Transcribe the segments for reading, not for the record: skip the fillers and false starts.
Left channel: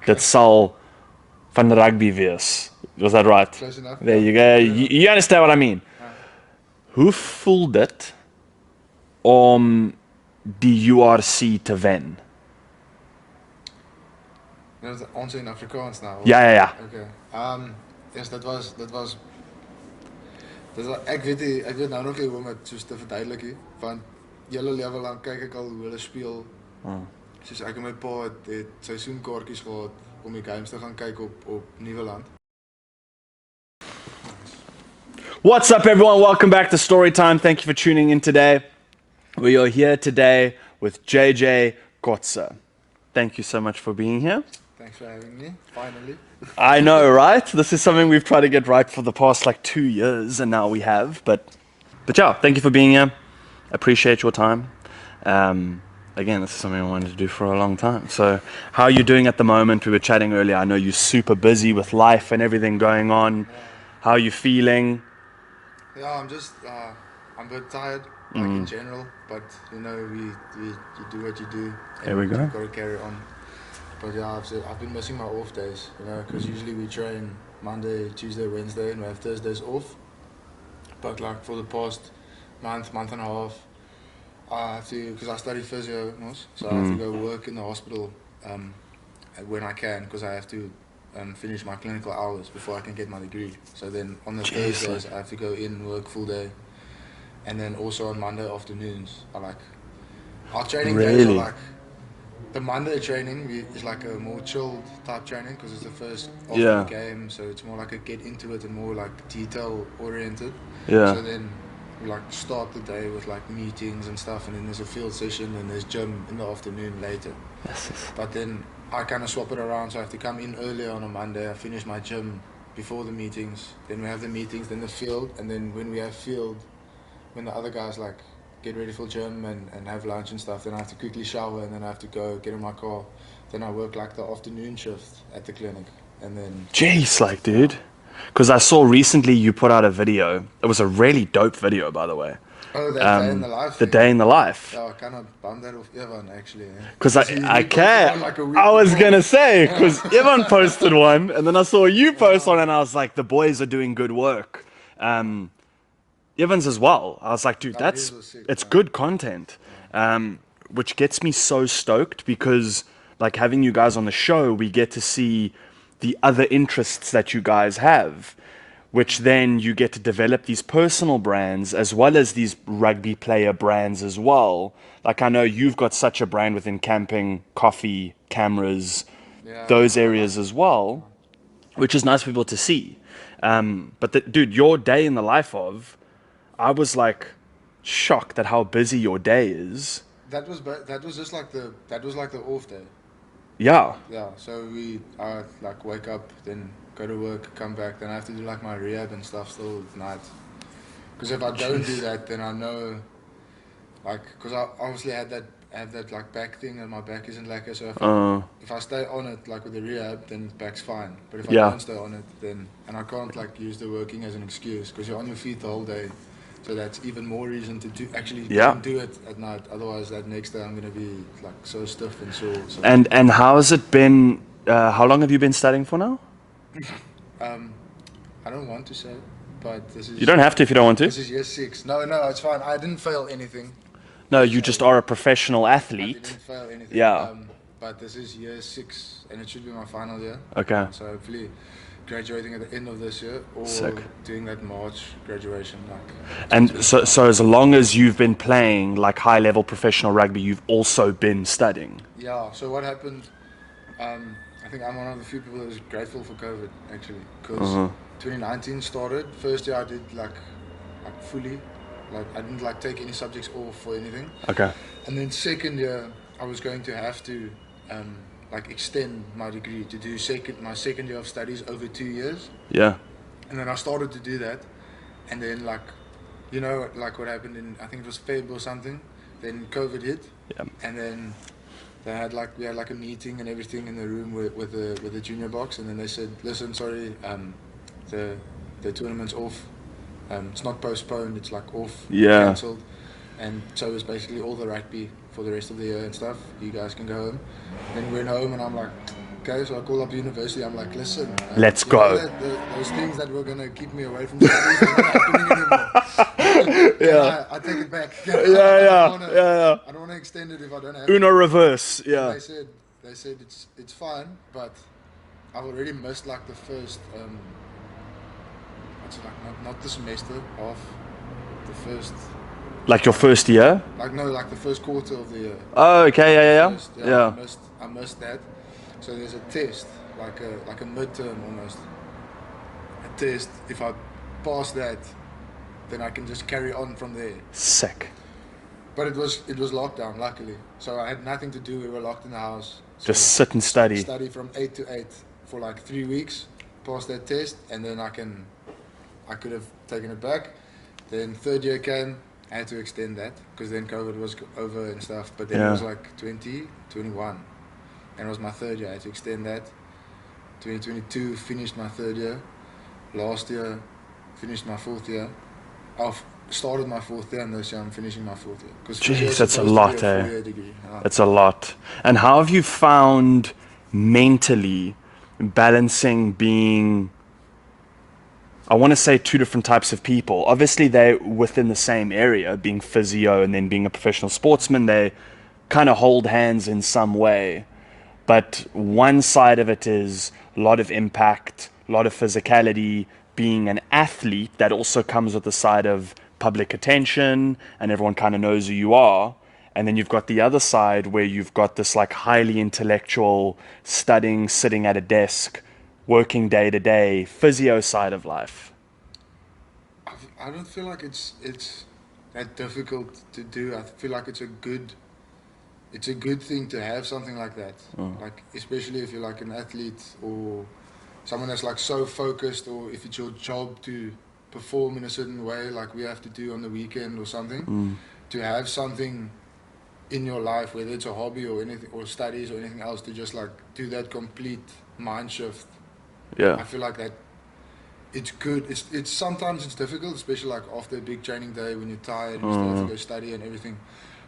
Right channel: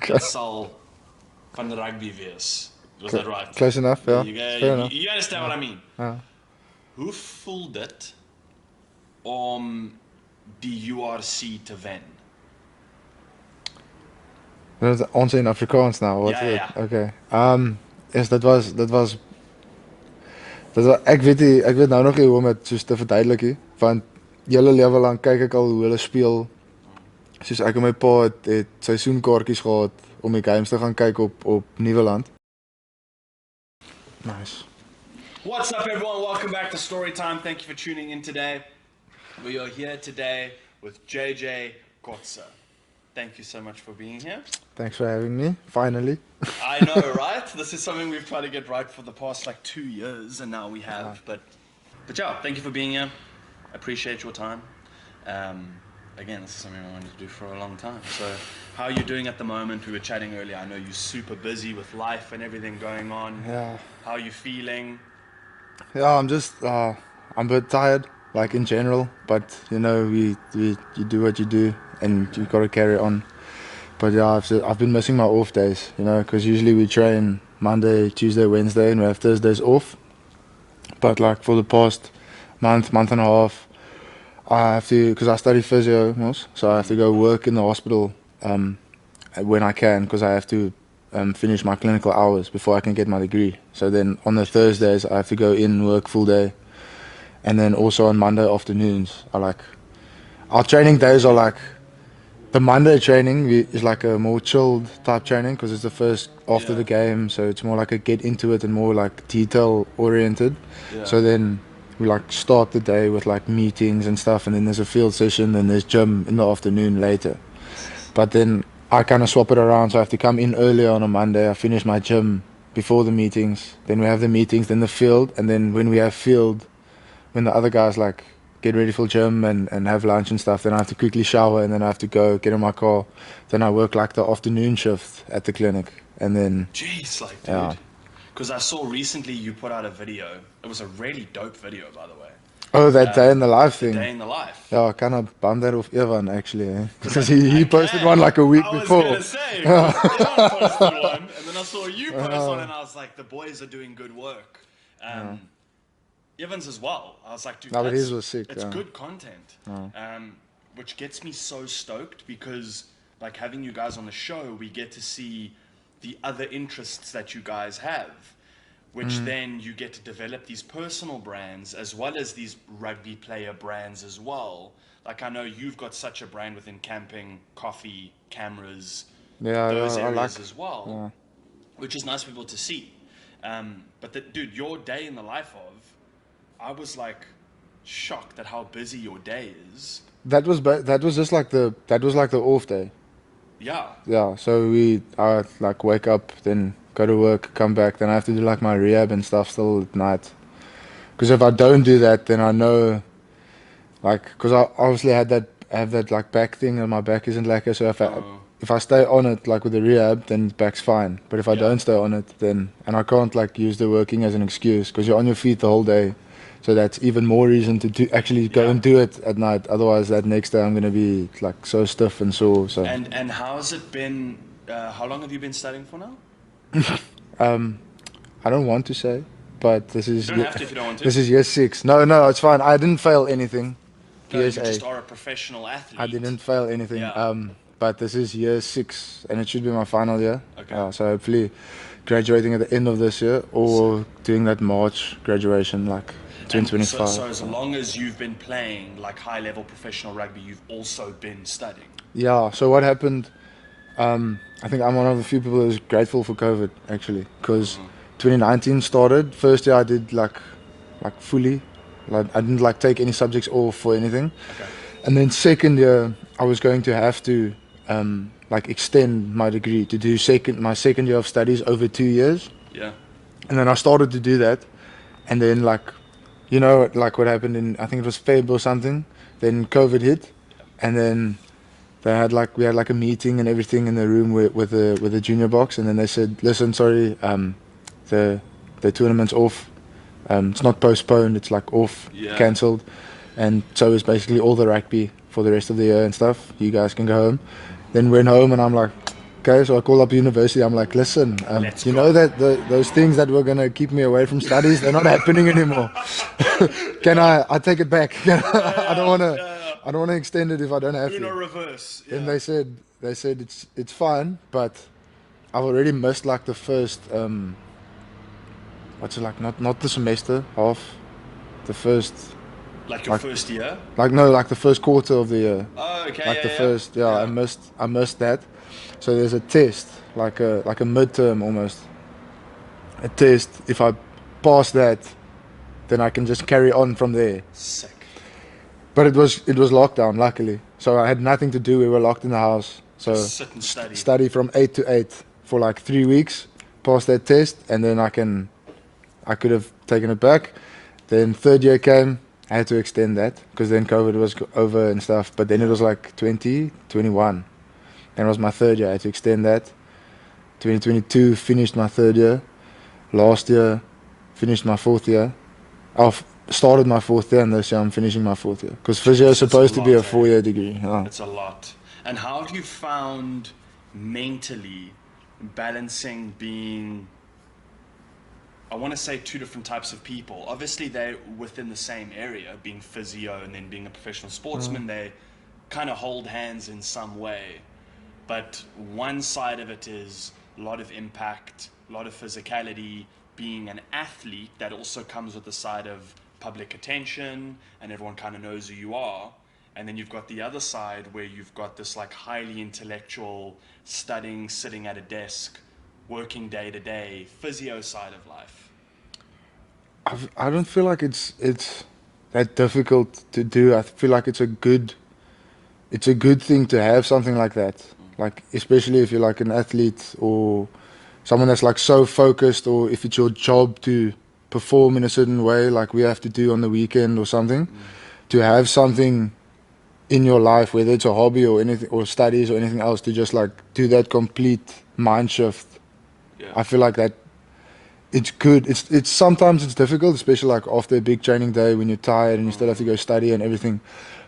dat sal van rugby wees. Was that right? Close enough. There Yeah. you go. Fair You, enough. you understand what I mean? Hoe voel dit om die URC te wen? Dat is ons in Afrikaans nou. Ja. Okay. Yes, dat was ek weet nou nog nie hoe om dit soos te verduidelik nie, want hele lewe lank kyk ek al hoe hulle speel. Soos ek en my pa het seisoenkaartjies gehad om die games te gaan kyk op Nieuweland. Nice. What's up, everyone? Welcome back to Storytime. Thank you for tuning in today. We are here today with Jacques Kotze. Thank you so much for being here. Thanks for having me, finally. I know, right? This is something we've tried to get right for the past like 2 years, and now we have. But yeah, thank you for being here. Appreciate your time. Again, this is something I wanted to do for a long time. So how are you doing at the moment? We were chatting earlier. I know you're super busy with life and everything going on. Yeah. How are you feeling? Yeah, I'm just I'm a bit tired, like in general. But you know, you do what you do, and you got to carry on. But yeah, I've been missing my off days, you know, because usually we train Monday, Tuesday, Wednesday, and we have Thursdays off. But like for the past month and a half, I have to, because I study physio, so I have to go work in the hospital when I can, because I have to finish my clinical hours before I can get my degree. So then on the Thursdays I have to go in, work full day, and then also on Monday afternoons our training days are like, the Monday training is like a more chilled type training because it's the first after the game, so it's more like a get into it and more like detail oriented. So then we like start the day with like meetings and stuff, and then there's a field session, and there's gym in the afternoon later. But then I kind of swap it around, so I have to come in earlier on a Monday. I finish my gym before the meetings, then we have the meetings, then the field, and then when we have field, when the other guys like get ready for gym and have lunch and stuff, then I have to quickly shower, and then I have to go get in my car. Then I work like the afternoon shift at the clinic, and then Jeez, like, dude. Because I saw recently you put out a video. It was a really dope video, by the way. oh, that day in the life The thing. day in the life. Yeah, I kind of bummed that off Evan actually. Because he posted one like a week I was before. going to say, because Evan posted one, and then I saw you post one, and I was like, the boys are doing good work. Evans as well. I was like, dude, his was sick, it's good content. Which gets me so stoked because, like, having you guys on the show, we get to see the other interests that you guys have, which then you get to develop these personal brands as well as these rugby player brands as well. Like, I know you've got such a brand within camping, coffee, cameras, those areas as well, which is nice for people to see. But dude, your day in the life of, I was like shocked at how busy your day is. That was just like the off day. Yeah. Yeah, so I like wake up, then go to work, come back, then I have to do like my rehab and stuff still at night. Because if I don't do that, then I know, like, because I obviously have that like back thing, and my back isn't lacquer. So if I stay on it like with the rehab, then back's fine. But if I don't stay on it, then, and I can't like use the working as an excuse because you're on your feet the whole day. So that's even more reason to actually go and do it at night. Otherwise, that next day I'm gonna be like so stiff and sore. So. And how has it been? How long have you been studying for now? I don't want to say, but this is. You don't have to if you don't want to. This is year 6. No, it's fine. I didn't fail anything. No, you just are a professional athlete. I didn't fail anything. Yeah. But this is year 6, and it should be my final year. Okay. So hopefully, graduating at the end of this year, or doing that March graduation, like. And so as long as you've been playing like high level professional rugby, you've also been studying. Yeah. So what happened? I think I'm one of the few people that was grateful for COVID actually, because 2019 started. First year I did like fully, like I didn't like take any subjects off or anything. Okay. And then second year I was going to have to like extend my degree to do my second year of studies over 2 years. Yeah. And then I started to do that, and then like, you know, like what happened in, I think it was Feb or something. Then COVID hit, and then we had like a meeting and everything in the room with the junior box, and then they said, listen, sorry, the tournament's off. It's not postponed, it's like off, cancelled, and so it's basically all the rugby for the rest of the year and stuff. You guys can go home. Then went home, and I'm like, Okay, so I call up university. I'm like, listen, Let's you go. know that those things that were gonna keep me away from studies, they're not happening anymore. Can I take it back? I don't wanna extend it if I don't have Uno to. reverse. And Yeah. they said it's fine, but I've already missed like the first what's it like? Not the semester, half the first. Like your Like, first year? like no, like the first quarter of the year. Oh, okay. Like the Yeah. first, Yeah. I missed that. So there's a test, like a midterm almost. A test. If I pass that, then I can just carry on from there. Sick. But it was lockdown, luckily. So I had nothing to do. We were locked in the house. So Just sit and study. study from 8 to 8 for like 3 weeks. Pass that test, and then I could have taken it back. Then third year came. I had to extend that because then COVID was over and stuff. But then it was like 2021. And it was my third year. I had to extend that. 2022 finished my third year. Last year finished my fourth year. I've started my fourth year, and this year I'm finishing my fourth year. Because physio is supposed to be a 4-year degree. Yeah. It's a lot. And how have you found mentally balancing being, I want to say, two different types of people? Obviously, they're within the same area, being physio and then being a professional sportsman. They kind of hold hands in some way. But one side of it is a lot of impact, a lot of physicality. Being an athlete, that also comes with the side of public attention, and everyone kind of knows who you are. And then you've got the other side where you've got this like highly intellectual, studying, sitting at a desk, working day to day, physio side of life. I don't feel like it's that difficult to do. I feel like it's a good thing to have something like that. Like especially if you're like an athlete or someone that's like so focused, or if it's your job to perform in a certain way, like we have to do on the weekend or something, to have something in your life, whether it's a hobby or anything, or studies or anything else, to just like do that complete mind shift. Yeah. I feel like that it's good. It's sometimes it's difficult, especially like after a big training day when you're tired and you still have to go study and everything.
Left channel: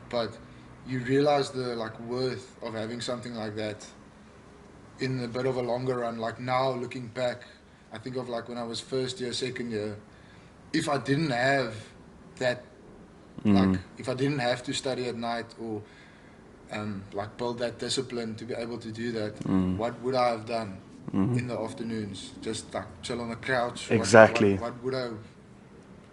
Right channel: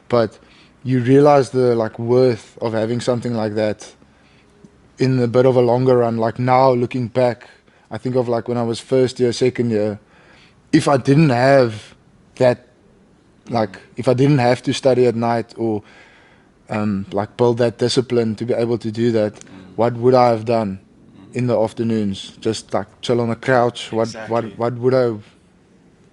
But you realize the like worth of having something like that in a bit of a longer run. Like now looking back, I think of like when I was first year, second year, if I didn't have that, like if I didn't have to study at night or like build that discipline to be able to do that, what would I have done in the afternoons? Just like chill on the couch. Exactly. What would I,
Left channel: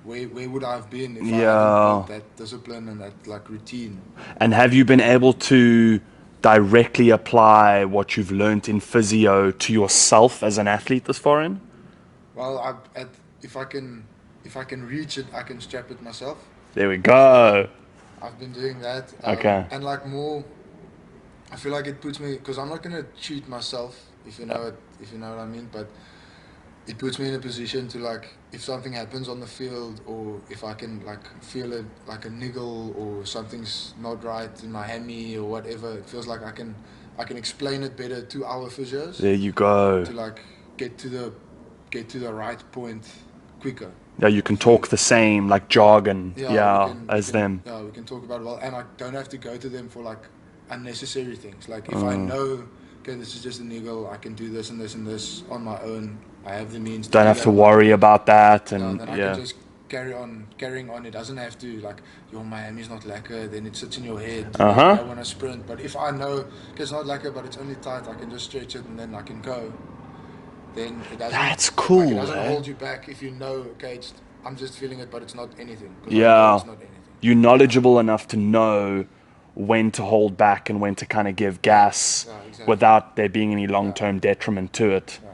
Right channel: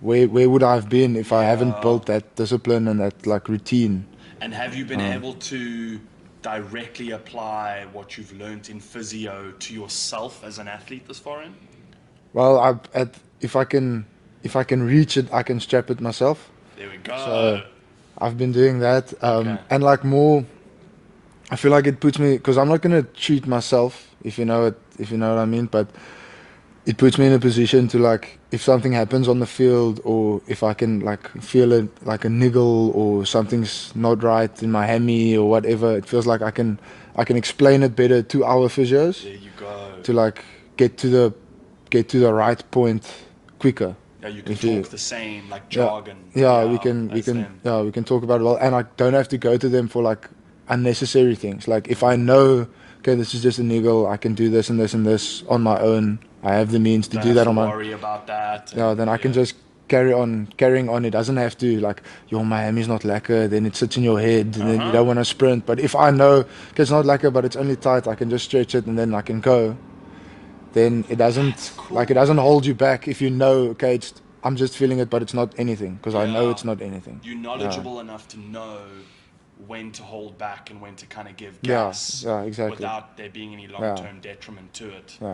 where would I have been if I haven't built that discipline and that like routine? And have you been able to directly apply what you've learned in physio to yourself as an athlete this far in? Well, if I can reach it, I can strap it myself. There we go. So I've been doing that, Okay. and like more, I feel like it puts me, because I'm not gonna treat myself, if you know what I mean, but it puts me in a position to like, if something happens on the field, or if I can like feel it like a niggle or something's not right in my hammy or whatever, it feels like I can explain it better to our physios. There you go. To like get to the right point quicker. Yeah, you can talk the same like jargon. We can talk about it well, and I don't have to go to them for like unnecessary things. Like if I know, okay, this is just a niggle, I can do this and this and this on my own. I have the means to do that. Don't have to worry about that. And, then I can just carrying on. It doesn't have to like, your my hammy's not lekker, then it sits in your head, and then you don't want to sprint. But if I know, okay, it's not lekker, but it's only tight, I can just stretch it and then I can go. Then it doesn't. That's cool. Like it doesn't hold you back if you know, okay, I'm just feeling it, but it's not anything, because I know it's not anything. You're knowledgeable enough to know when to hold back and when to kind of give gas exactly. without there being any long-term detriment to it. Yeah.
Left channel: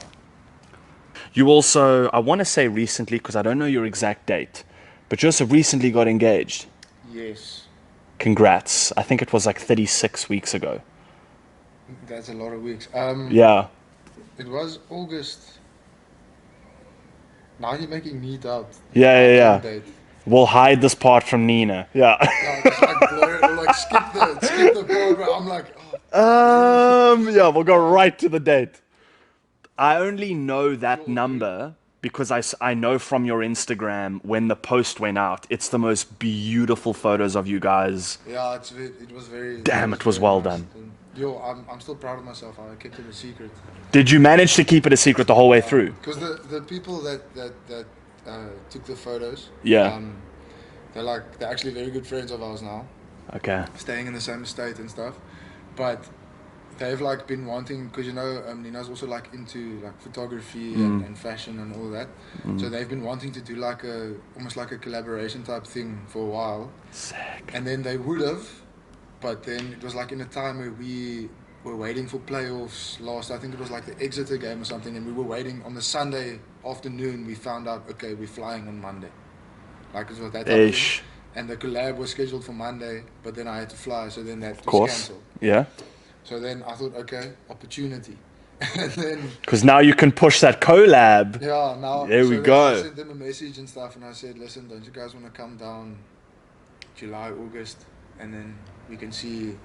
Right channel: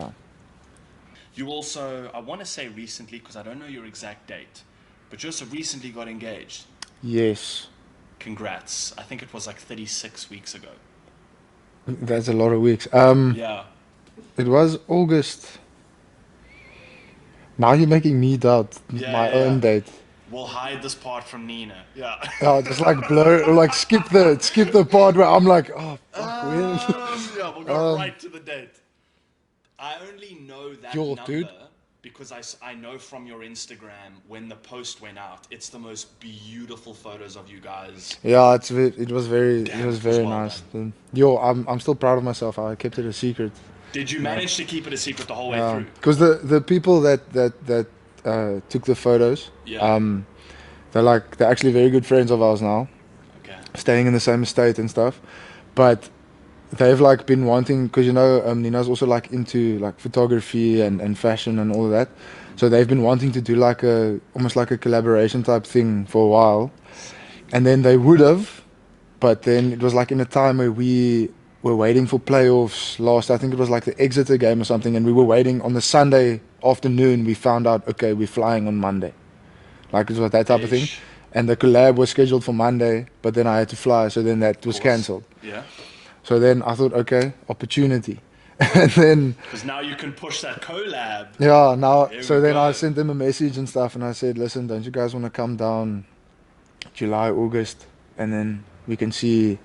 You also, I want to say recently, because I don't know your exact date, but you also recently got engaged. Yes. Congrats. I think it was like 36 weeks ago. That's a lot of weeks. Yeah. It was August. Now you're making me doubt my own date. We'll hide this part from Nina. Yeah. Just like blur, or like skip the part where I'm like, yeah, we'll go right to the date. I only know that number because I know from your Instagram when the post went out, it's the most beautiful photos of you guys. Yeah, it was very. Damn, it was very well nice. done. Yo, I'm still proud of myself. I kept it a secret. Did you manage to keep it a secret the whole way through? Because the people that took the photos, Yeah. they're actually very good friends of ours now, Okay. staying in the same estate and stuff, but they've like been wanting, because Nina's also like into like photography and fashion and all of that, so they've been wanting to do like almost like a collaboration type thing for a while. Sick. And then they would have, but then it was like in a time where we were waiting for playoffs last, I think it was like the Exeter game or something, and we were waiting on the Sunday afternoon. We found out, okay, we're flying on Monday. Like it was that type of thing. And the collab was scheduled for Monday, but then I had to fly, so then that was cancelled. Yeah. So then I thought, okay, opportunity. And then... Because now you can push that collab. Yeah, now... There so we then go. I sent them a message and stuff, and I said, listen, don't you guys want to come down July, August, and then we can see...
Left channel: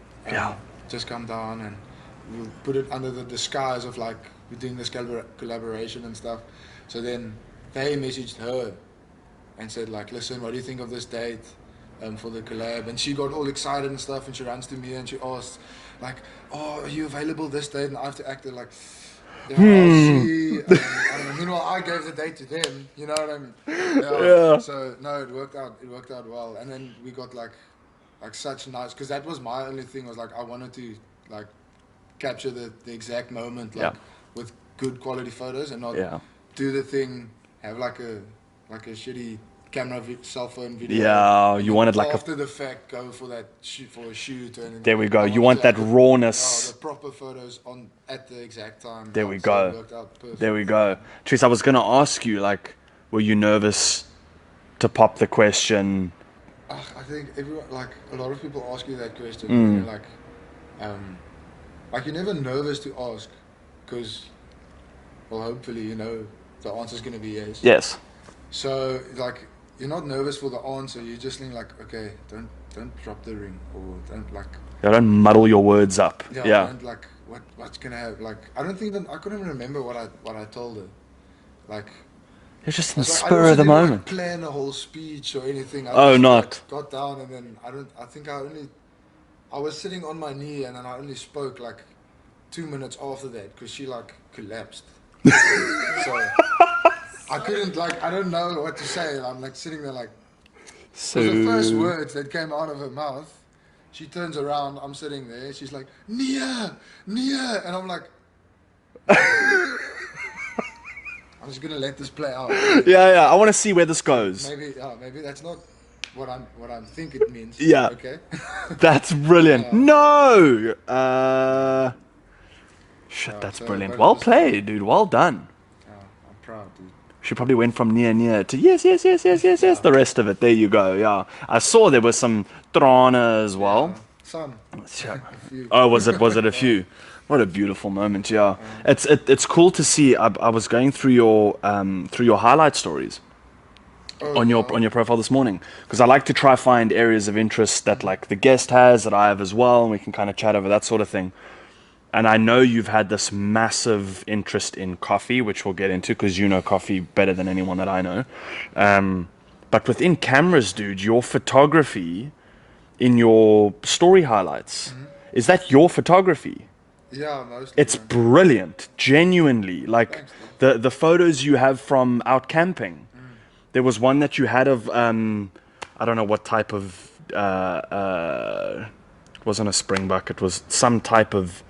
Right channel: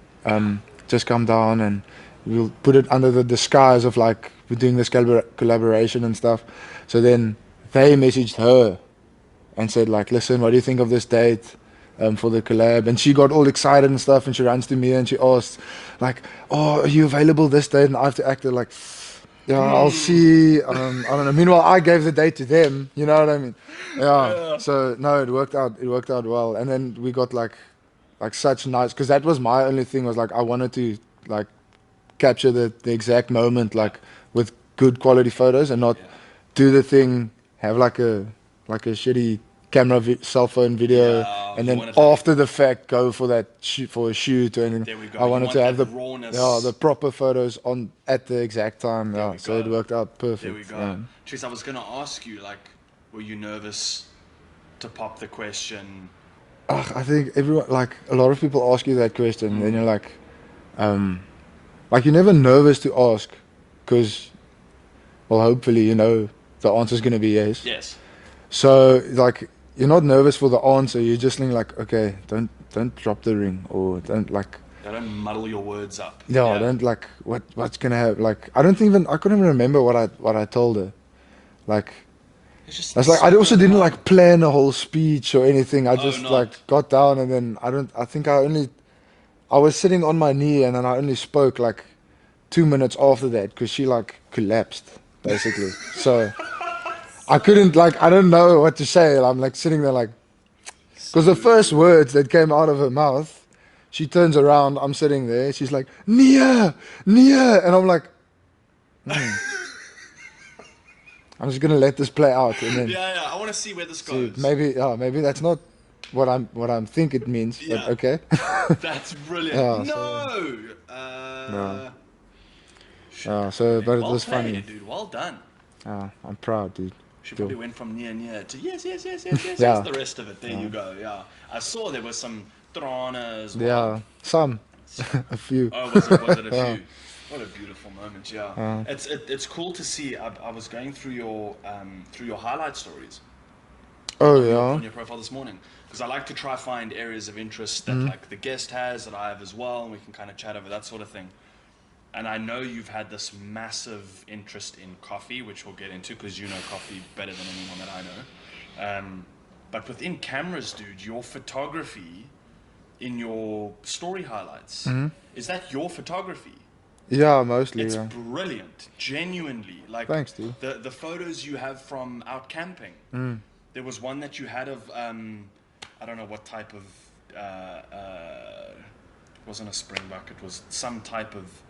just come down and we'll put it under the disguise of like we're doing this collaboration and stuff. So then they messaged her and said like, listen, what do you think of this date for the collab? And she got all excited and stuff, and she runs to me and she asked like, oh, are you available this date? And I have to act like, yeah, I'll see. I don't know. Meanwhile, I gave the date to them, you know what I mean? Yeah. So no, it worked out well. And then we got like such nice, because that was my only thing, was like I wanted to like capture the exact moment, like with good quality photos, and not do the thing, have like a shitty camera cell phone video, and you then wanted like after the fact go for that for a shoot. And there we go. You want that rawness. Yeah, the proper photos at the exact time. There we go. So it worked out perfect. There we go. Tris, I was gonna ask you, like, were you nervous to pop the question? I think everyone, like a lot of people ask you that question, and you're like you're never nervous to ask, because, well, hopefully you know the answer's gonna be yes. Yes. So like you're not nervous for the answer. You're just thinking like, okay, don't drop the ring, or don't like. Yeah, don't muddle your words up. Yeah. Don't like what's gonna happen. Like I couldn't even remember what I told her. Like. It's just I also didn't like plan a whole speech or anything. I just like got down, and then I was sitting on my knee, and then I only spoke like 2 minutes after that, because she like collapsed basically. So I couldn't, like, I don't know what to say. I'm like sitting there like, because the first words that came out of her mouth, she turns around, I'm sitting there, she's like, Nia, and I'm like, I'm just gonna let this play out. Yeah. I want to see where this goes. So maybe that's not what I'm think it means. Yeah. Okay. That's brilliant. No. Shit, that's brilliant. Well played, dude. Well done. I'm proud, dude. She probably went from near to yes. The rest of it. There you go. Yeah. I saw there was some trana as well. Yeah. Some. A few. Oh, was it a few? What a beautiful moment, yeah. It's cool to see. I was going through your highlight stories on your profile this morning, because I like to try find areas of interest that like the guest has, that I have as well, and we can kind of chat over that sort of thing. And I know you've had this massive interest in coffee, which we'll get into, because you know coffee better than anyone that I know. But within cameras, dude, your photography in your story highlights, is that your photography? Yeah, mostly. It's brilliant, genuinely. Like, thanks, dude. The photos you have from out camping. There was one that you had of I don't know what type of it wasn't a springbok. It was some type of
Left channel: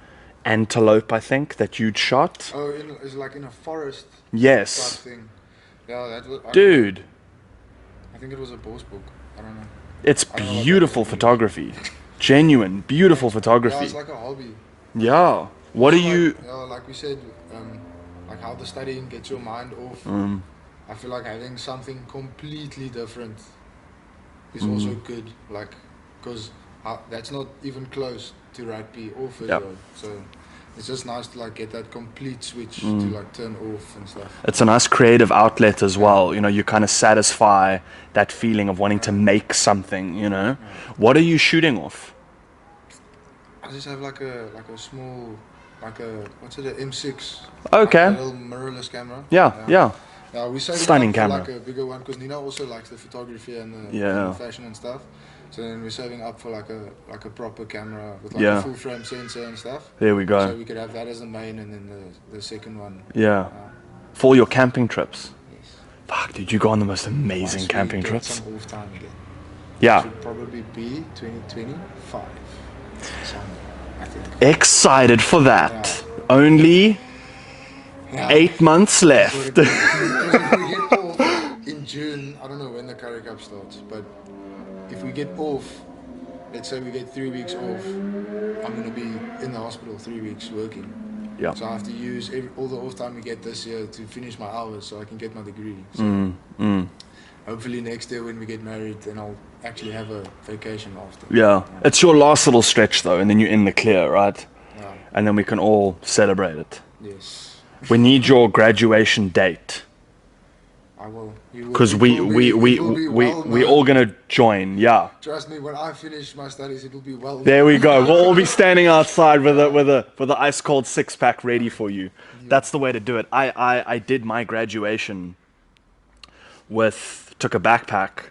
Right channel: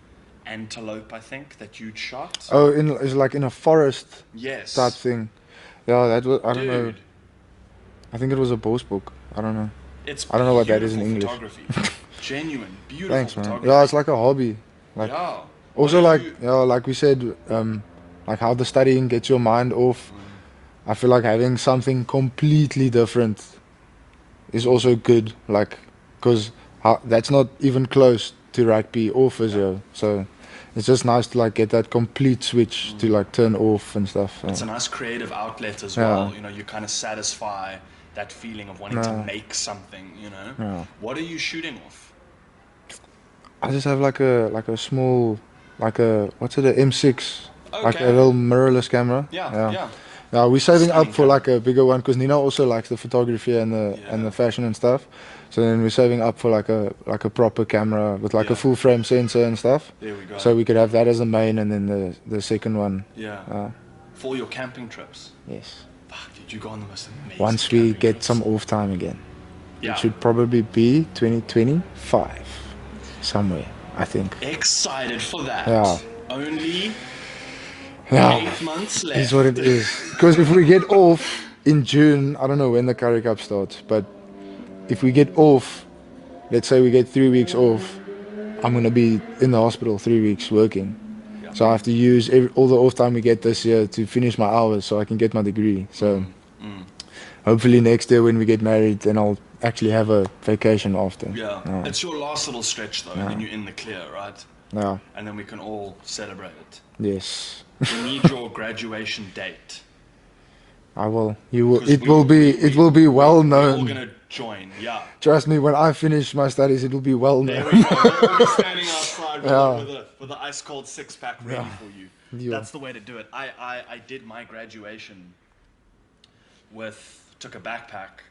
antelope, I think, that you'd shot. Oh, it's like in a forest. Yes. Type thing. Yeah, that was. Dude. I think it was a bosbok. I don't know. It's beautiful photography. Genuine, beautiful photography. Yeah, it's like a hobby. Like, yeah. What do you... like we said, like how the studying gets your mind off. I feel like having something completely different is also good. Like, because that's not even close to rugby or physio. Yep. So it's just nice to like get that complete switch to like turn off and stuff. It's a nice creative outlet as well. You know, you kind of satisfy that feeling of wanting to make something, you know. What are you shooting off? I just have like a small, like a, what's it, a M6. Okay. Like a little mirrorless camera. Yeah. Yeah, we're saving Stunning up for camera. like a bigger one because Nina also likes the photography and the fashion and stuff. So then we're saving up for like a proper camera with like a full frame sensor and stuff. There we go. So we could have that as the main, and then the second one. Yeah. For all your camping trips. Yes. Fuck, dude, you go on the most amazing Once camping we get trips. some off time again. Yeah. It should probably be 2025 somewhere, I think. Excited for that. Yeah. Only Yeah. 8 months left. That's what it is. Because if we get off in June, I don't know when the Curry Cup starts, but if we get off, let's say we get 3 weeks off, I'm going to be in the hospital 3 weeks working. Yeah. So I have to use all the off time we get this year to finish my hours so I can get my degree. So hopefully next year when we get married, then I'll actually have a vacation after. Yeah. It's your last little stretch though, and then you're in the clear, right? Yeah. And then we can all celebrate it. Yes. We need your graduation date. I will. You will. Because It will be well known. We're all going to join, yeah. Trust me, when I finish my studies, it will be well known. There we go. We'll all be standing outside with a ice cold 6-pack ready for you. Yeah. That's the way to do it. I did my graduation took a backpack,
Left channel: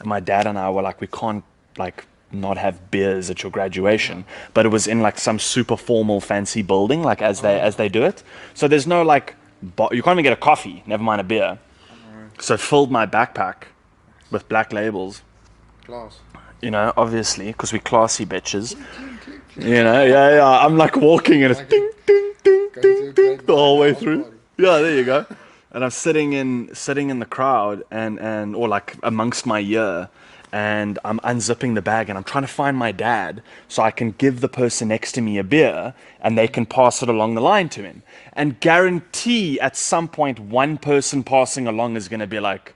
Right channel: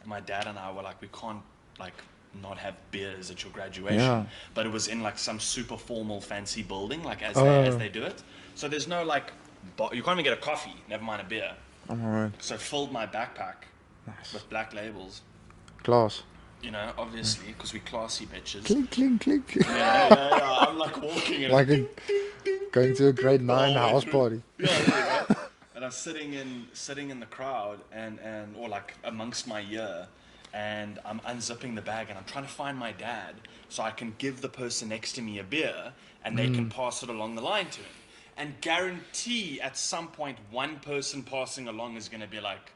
and my dad and I were like, we can't like not have beers at your graduation. Yeah. But it was in like some super formal fancy building, like as they do it. So there's no like you can't even get a coffee, never mind a beer. Alright. So filled my backpack with black labels. Class. You know, obviously, because we're classy bitches. Clink, clink, clink. You know, yeah. I'm like walking and Like it's ding, ding, ding, going to a grade the whole 9 way house through. party. Yeah, there you go. And I'm sitting in the crowd and or like amongst my year, and I'm unzipping the bag and I'm trying to find my dad so I can give the person next to me a beer and they can pass it along the line to him. And guarantee at some point one person passing along is going to be like,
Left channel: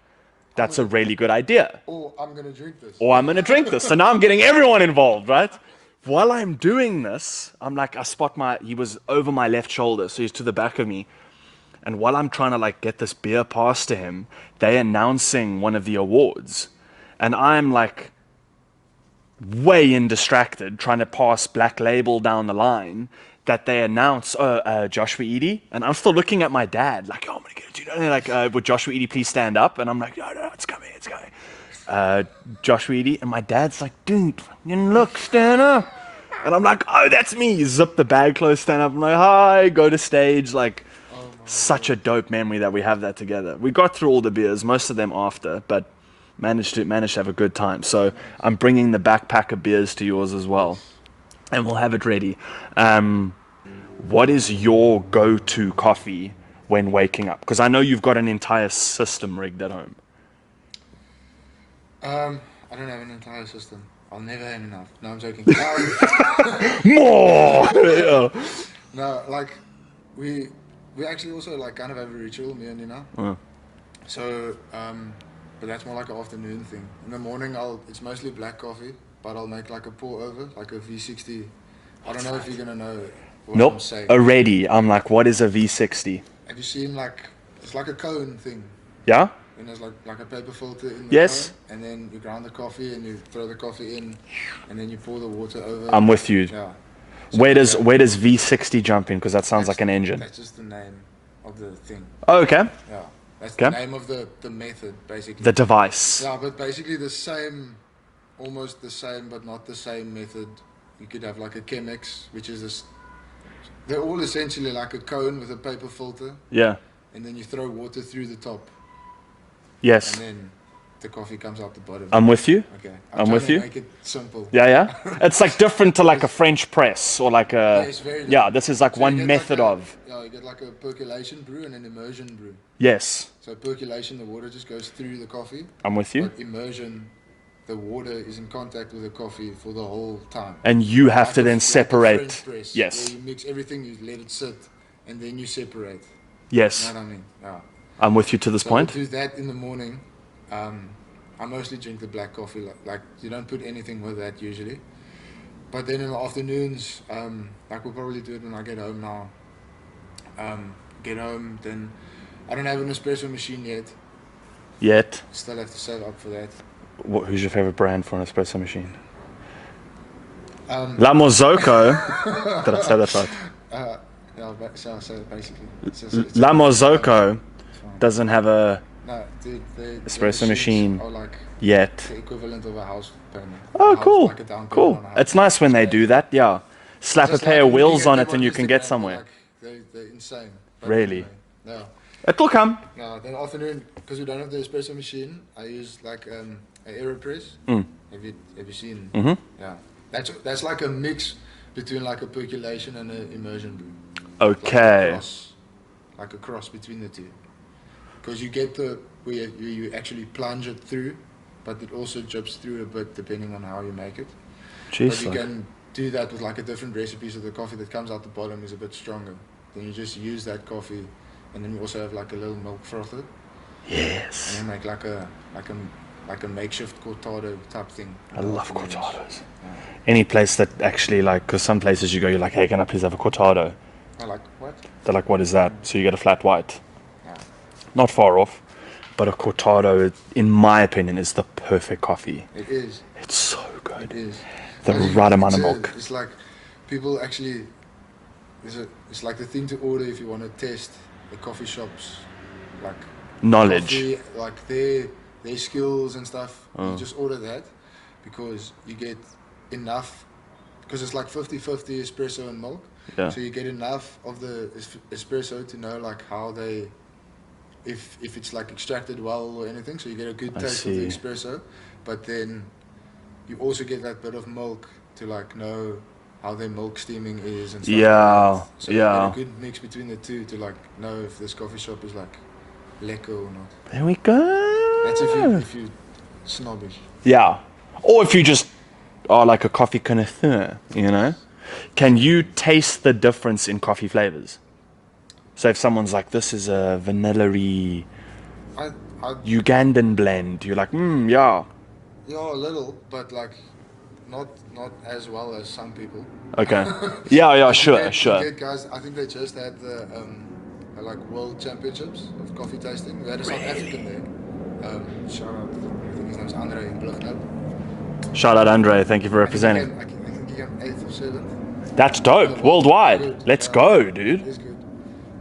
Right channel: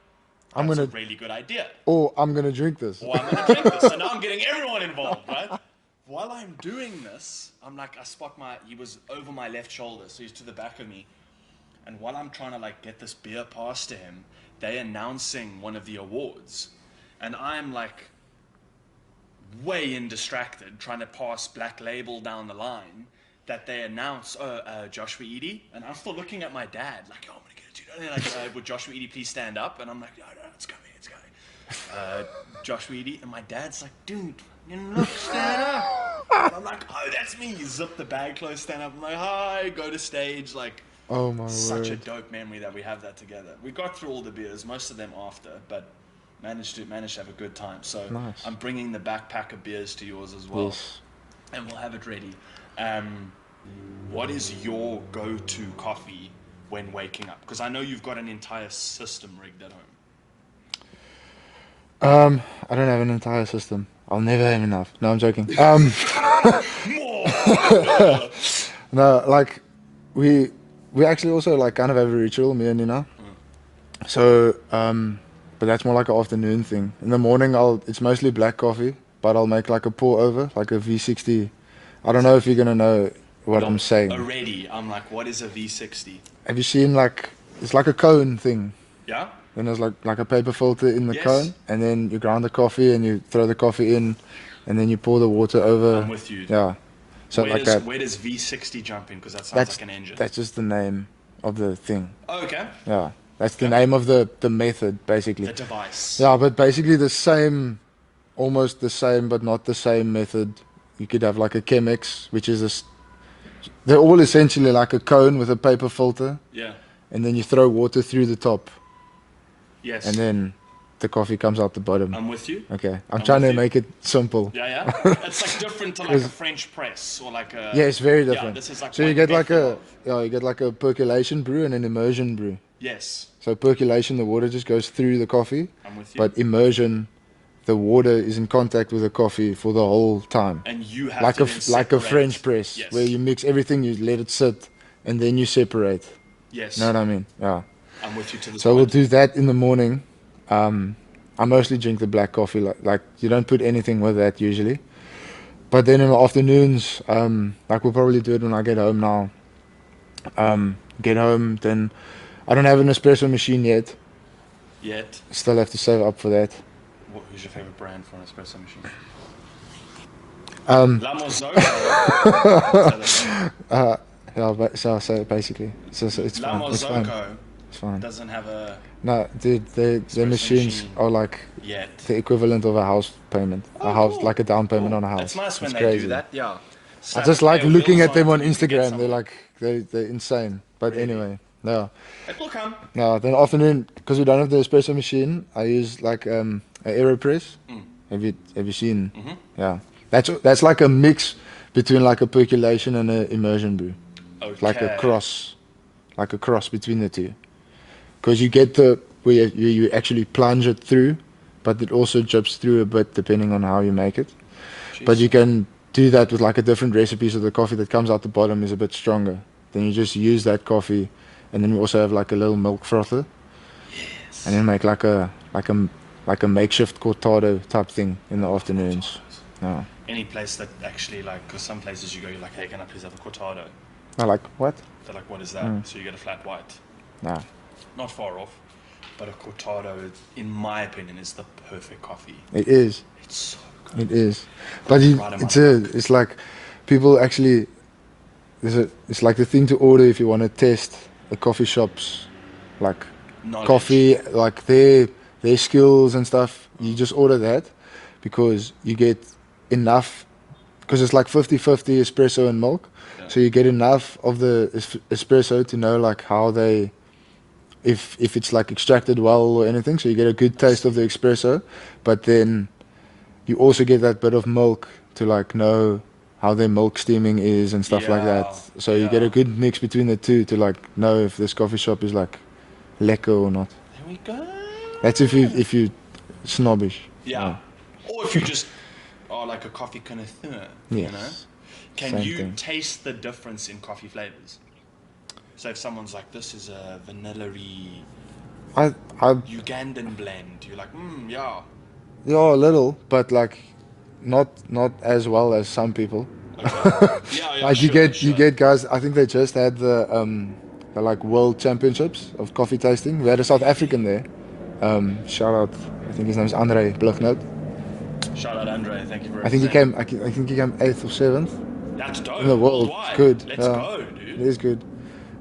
that's a really good idea. Or I'm going to drink this. Or I'm going to drink this. So now I'm getting everyone involved, right? While I'm doing this, I'm like, I spot he was over my left shoulder, so he's to the back of me. And while I'm trying to like get this beer past to him, they're announcing one of the awards. And I'm like way distracted trying to pass Black Label down the line that they announce, Joshua Eady. And I'm still looking at my dad like, oh, I'm going to get it. You know, and they're like, would Joshua Eady please stand up? And I'm like, no, it's coming. Joshua Eady. And my dad's like, dude, look, stand up. And I'm like, oh, that's me. Zip the bag close, stand up. I'm like, hi, go to stage. Like, Oh my such a dope memory that we have that together. We got through all the beers, most of them after, but managed to have a good time. So nice. I'm bringing the backpack of beers to yours as well, and we'll have it ready. What is your go-to coffee when waking up? Because I know you've got an entire system rigged at home. I don't have an entire system. I'll never have enough. No, I'm joking. More. No, like we actually also like kind of have a ritual, me and Nina. So, but that's more like an afternoon thing. In the morning, it's mostly black coffee, but I'll make like a pour over, like a V60. I don't know if you're gonna know what I'm saying. Already, I'm like, what is a V60? Have you seen it's like a cone thing? Yeah. When there's like a paper filter in the Yes. cone, and then you grind the coffee and you throw the coffee in, and then you pour the water over. I'm with you. Yeah. So where does V60 jump in? Because that sounds like an engine. That's just the name of the thing. Oh, okay. Yeah. That's the name of the method, basically. The device. Yeah, but basically the same, almost the same, but not the same method. You could have like a Chemex, which is they're all essentially like a cone with a paper filter. Yeah. And then you throw water through the top. Yes. And then the coffee comes out the bottom. I'm with you. Okay. I'm trying to make it simple. Yeah. It's like different to like a French press or like a... Yeah, it's very different. Yeah, this is like one method of... Yeah, you get like a percolation brew and an immersion brew. Yes. So percolation, the water just goes through the coffee. I'm with you. But immersion, the water is in contact with the coffee for the whole time. And you have to then separate. Like a French press. Yes. Where you mix everything, you let it sit, and then you separate. Yes. You know what I mean? Yeah. I'm with you to this so point. So we'll do that in the morning. I mostly drink the black coffee. Like you don't put anything with that usually. But then in the afternoons, like we'll probably do it when I get home now. Get home, then I don't have an espresso machine yet. Still have to save up for that. Who's your favorite brand for an espresso machine? La Mozzocco. Did I say that right? Yeah, so basically. It's La Mozzocco It's fine. Doesn't have a No, dude, the espresso machines machine are like yet. the equivalent of a house payment. Oh, a house, cool. like a down payment Cool. on a house. It's nice when they crazy. do that. Yeah. Slap a just pair like of looking wheels at on it them and you Instagram, can get somewhere. They're insane. But Really? anyway, no. It'll come. No, then afternoon, because we don't have the espresso machine, I use like an AeroPress. Mm. Have you seen? Mm-hmm. Yeah, that's like a mix between like a percolation and an immersion brew. Okay. Like a cross between the two. Because you get where you actually plunge it through, but it also drips through a bit depending on how you make it. Jeez, but you can do that with like a different recipe, so the coffee that comes out the bottom is a bit stronger. Then you just use that coffee, and then we also have like a little milk frother. Yes. And then make like a makeshift cortado type thing in the afternoons. Oh. Any place that actually like, because some places you go, you're like, hey, can I please have a cortado? I like, what? They're like, what is that? So you get a flat white. Nah. Not far off, but a cortado, in my opinion, is the perfect coffee. It is. It's so good. It is. The right amount of milk. It's like people actually. It's like the thing to order if you want to test a coffee shop's like knowledge, coffee, like their skills and stuff. You just order that because you get enough, because it's like 50-50 espresso and milk. Yeah. So you get enough of the espresso to know like how they, if it's like extracted well or anything. So you get a good taste of the espresso, but then you also get that bit of milk to like know how their milk steaming is and stuff like that. So you get a good mix between the two to like know if this coffee shop is like lekker or not. There we go. That's if you snobbish. Yeah. Or if you just are like a coffee connoisseur, you know? Can you taste the difference in coffee flavors? So if someone's like, this is a vanilla-y Ugandan blend, you're like, yeah. Yeah, a little, but like not as well as some people. Okay. Yeah, like sure. You get guys, I think they just had the like world championships of coffee tasting. We had a South African there. Shout out, I think his name is Andre Blichnout. Shout out Andre, thank you for representing. I think he came 8th or 7th. That's dope. Worldwide. Good. Let's go, dude. It is good.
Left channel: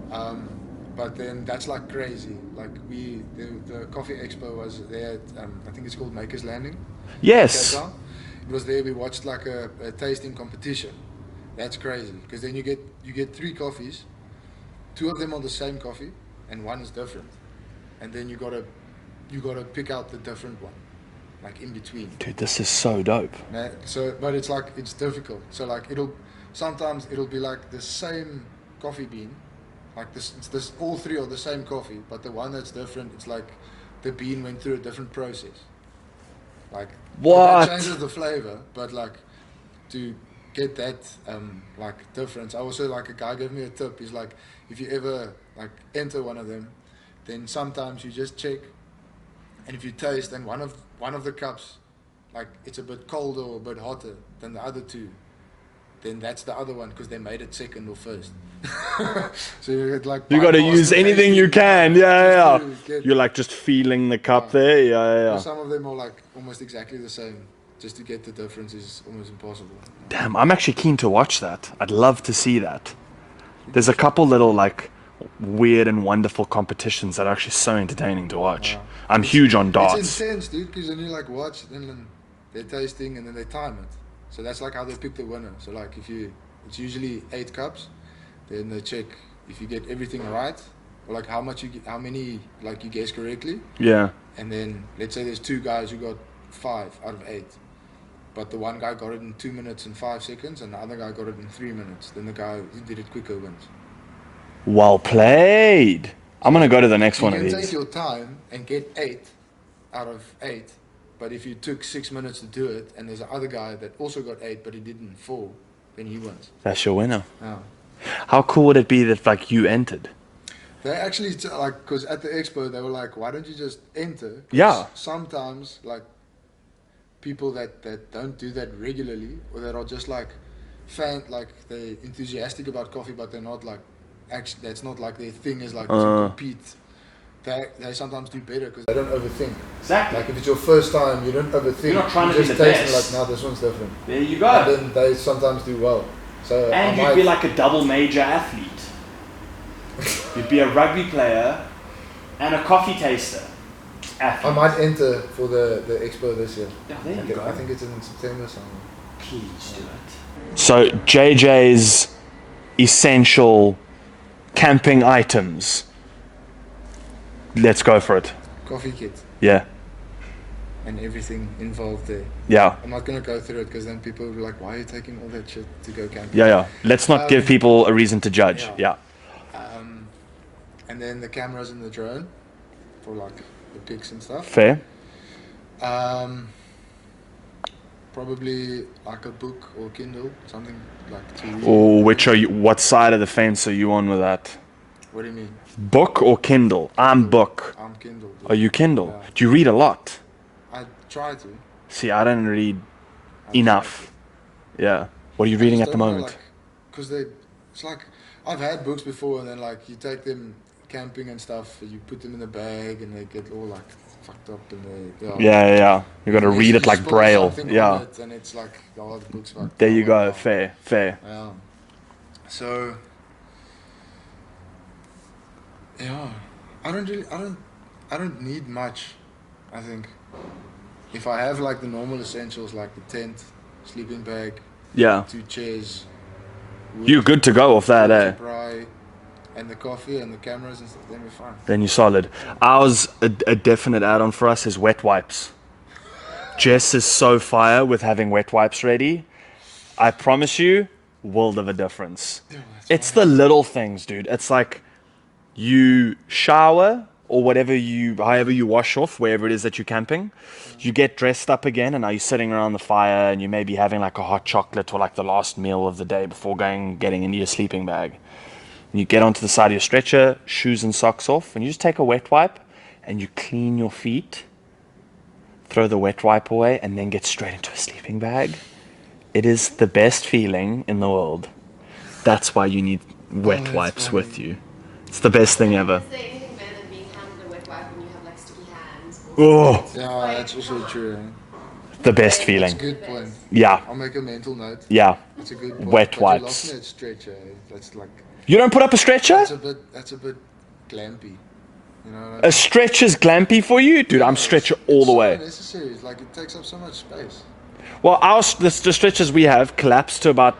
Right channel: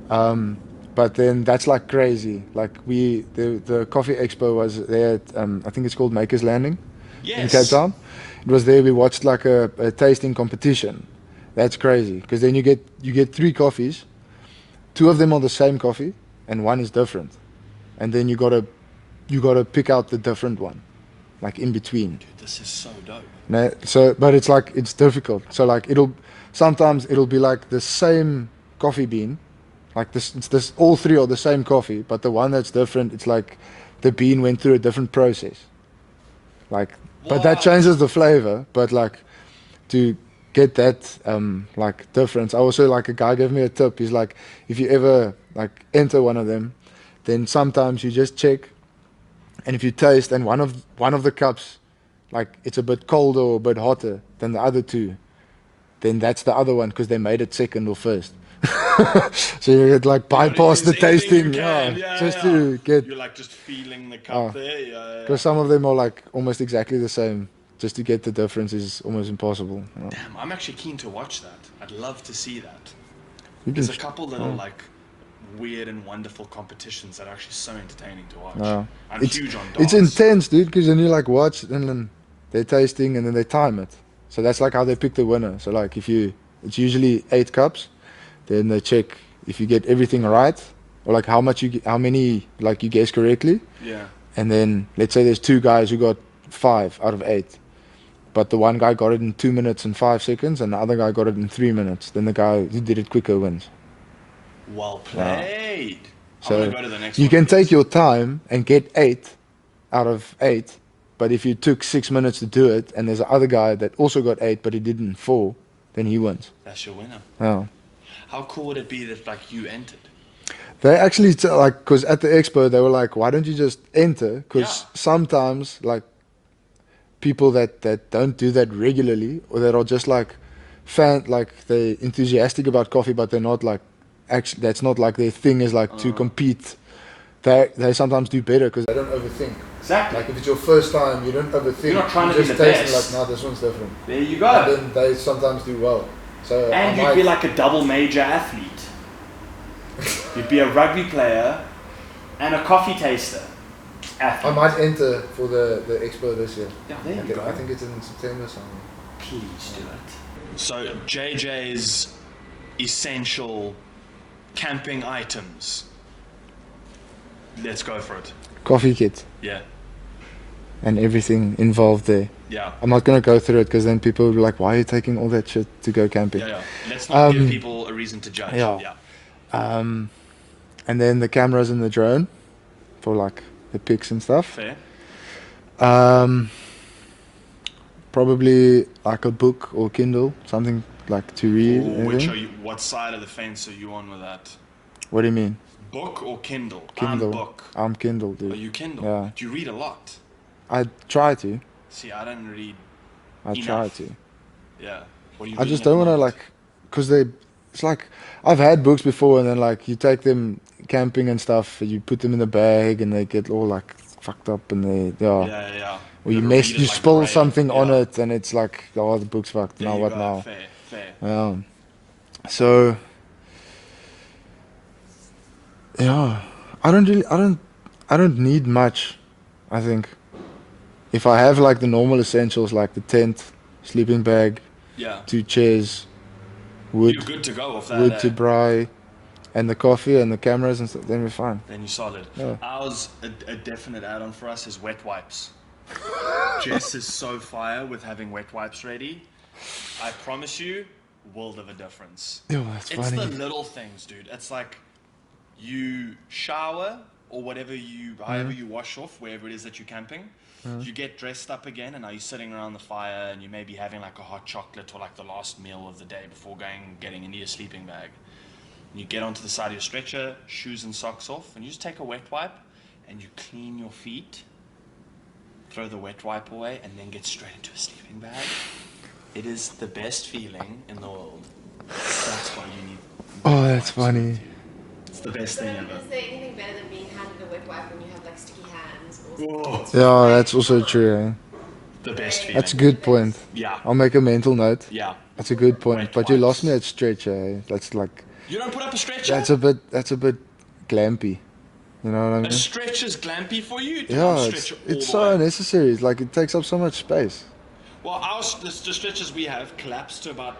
But then that's like crazy. Like the coffee expo was there at, I think it's called Maker's Landing. Yes. In Cape Town. It was there. We watched like a tasting competition. That's crazy because then you get 3 coffees, 2 of them are the same coffee, and 1 is different, and then you gotta pick out the different one, like in between. Dude, this is so dope. But it's like it's difficult. So like sometimes it'll be like the same coffee bean, like this all 3 are the same coffee, but the one that's different, it's like the bean went through a different process. Like. What? But that changes the flavor. But like to get that like difference, I also like a guy gave me a tip. He's like, if you ever like enter one of them, then sometimes you just check, and if you taste and one of the cups, like it's a bit colder or a bit hotter than the other 2, then that's the other one because they made it second or first. So you get like you gotta use anything you can. Yeah. You're like just feeling the cup there. Yeah. Because some of them are like almost exactly the same. Just to get the difference is almost impossible. Damn, I'm actually keen to watch that. I'd love to see that. There's a couple little like weird and wonderful competitions that are actually so entertaining to watch. I'm huge on darts. It's intense, dude, because then you like watch and then they're tasting and then they time it. So that's like how they pick the winner. So like it's usually 8 cups. Then they check if you get everything right, or like how many like you guess correctly. Yeah. And then let's say there's 2 guys who got 5 out of 8, but the one guy got it in 2 minutes and 5 seconds, and the other guy got it in 3 minutes. Then the guy who did it quicker wins. Well played. I'm gonna go to the next one. You can take your time and get 8 out of 8, but if you took 6 minutes to do it, and there's another guy that also got 8, but he did it in 4, then he wins. That's your winner. Yeah. How cool would it be that like you entered? They actually like, because at the expo they were like, why don't you just enter? Because sometimes like people that don't do that regularly, or that are just like they're enthusiastic about coffee, but they're not like actually, that's not like their thing is like to compete. They sometimes do better because they don't overthink. Exactly. Like if it's your first time, you don't overthink. You're not trying to be the taste best. Like, no, this one's different. There you go. And then they sometimes do well. So and you'd be like a double major athlete. You'd be a rugby player, and a coffee taster. I might enter for the expo this year. Yeah, there you go. I think it's in September somewhere. Please do it. So JJ's essential camping items. Let's go for it. Coffee kit. Yeah. And everything involved there. Yeah. I'm not going to go through it because then people will be like, why are you taking all that shit to go camping? Yeah. Let's not give people a reason to judge. Yeah. And then the cameras and the drone for like the pics and stuff. Fair. Probably like a book or Kindle, something like to read. Or what side of the fence are you on with that? What do you mean? Book or Kindle? I'm book. I'm Kindle, dude. Are you Kindle? Yeah. Do you read a lot? I try to. See, I don't read I enough. Try to. Yeah. What are you reading I just at the don't want moment? to because it's like, I've had books before and then like you take them camping and stuff, you put them in the bag and they get all like fucked up and they Yeah. You got to read it like spill braille. Something on it and it's like, oh, the book's fucked. There Now you what go. now? Fair. Yeah. So yeah, I don't need much. I think if I have like the normal essentials like the tent, sleeping bag, Yeah. 2 chairs, wood, You're good to go off that, wood eh? to dry, and the coffee and the cameras and stuff, then we're fine. Then you're solid. Yeah. Ours, a definite add-on for us is wet wipes. Jess is so fire with having wet wipes ready. I promise you, world of a difference. Yo, that's It's funny. the little things, dude. It's like you shower or however you wash off, wherever it is that you're camping. You get dressed up again and now you're sitting around the fire and you may be having like a hot chocolate or like the last meal of the day before getting into your sleeping bag. You get onto the side of your stretcher, shoes and socks off, and you just take a wet wipe and you clean your feet, throw the wet wipe away, and then get straight into a sleeping bag. It is the best feeling in the world. That's why you need wet wipes with you. It's the best thing ever. Is there anything better than being handed a wet wipe when you have like sticky hands? Oh, Yeah, that's also true. Eh? the best feeling. That's a good point. Yeah, I'll make a mental note. yeah. That's a good point. Wet but wipes. you lost me at stretcher. Eh? That's like You don't put up a stretcher? that's a bit glampy. You know what I mean? A stretcher's glampy for you? Dude, I'm stretcher all it's the so way. unnecessary. It's like it takes up so much space. Well, the stretchers we have collapse to about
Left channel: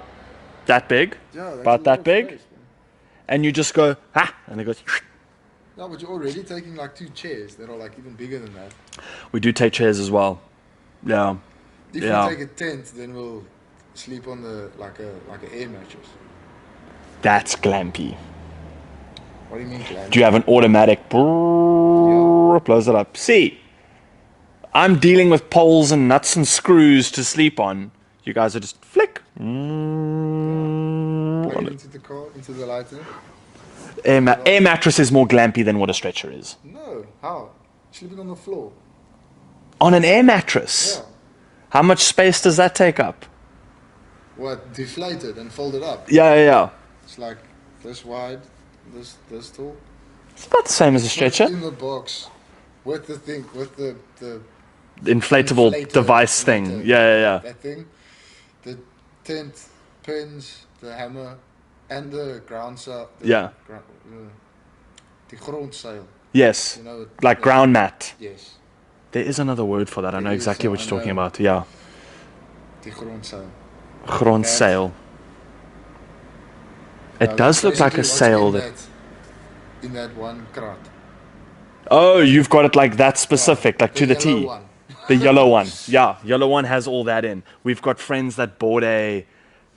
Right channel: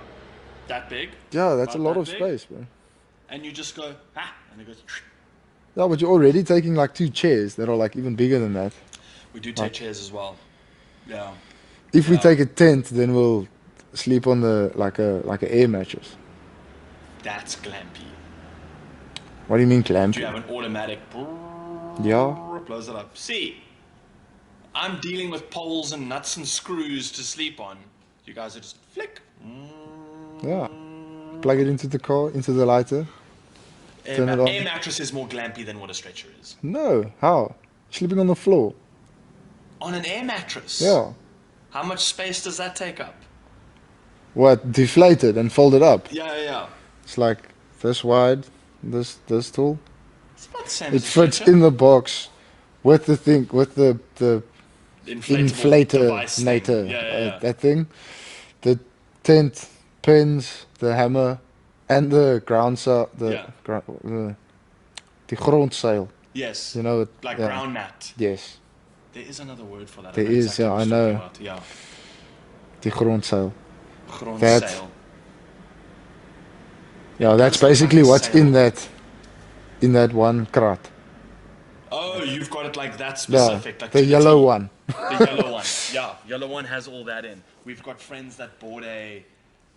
that big. Yeah, that's About a lot that of big? space, man. And you just go, and it goes. Yeah, but you're already taking like 2 chairs that are like even bigger than that. We do take chairs as well. Yeah. If Yeah. we take a tent, then we'll sleep on the like a air mattress. That's glampy. What do you mean, clamp? Do you have an automatic? Yeah. Blows it up. See, I'm dealing with poles and nuts and screws to sleep on. You guys are just flick. Yeah. Plug it into the car, into the lighter. Air mattress is more glampy than what a stretcher is. No, how? Sleeping on the floor. On an air mattress? Yeah. How much space does that take up? What? Deflated and folded up. Yeah. It's like this wide, this tall. It's about the same as a Fits stretcher. in the box with the thing, with the Inflatable inflator device thing. later, Yeah. That thing. The tent, pins, the hammer, and the ground sail. Yeah. The grondsail. Yes. You know, Like yeah. ground mat. Yes. There is another word for that. I There know is, exactly yeah, what I you're talking know. about. Yeah. The grondsail. Grondsail. It Yeah, does that's look basically like a what's sail. in that one crat. Oh, you've got it like that specific, like the to the yellow T. one. The yellow one. Yeah, yellow one has all that in. We've got friends that bought a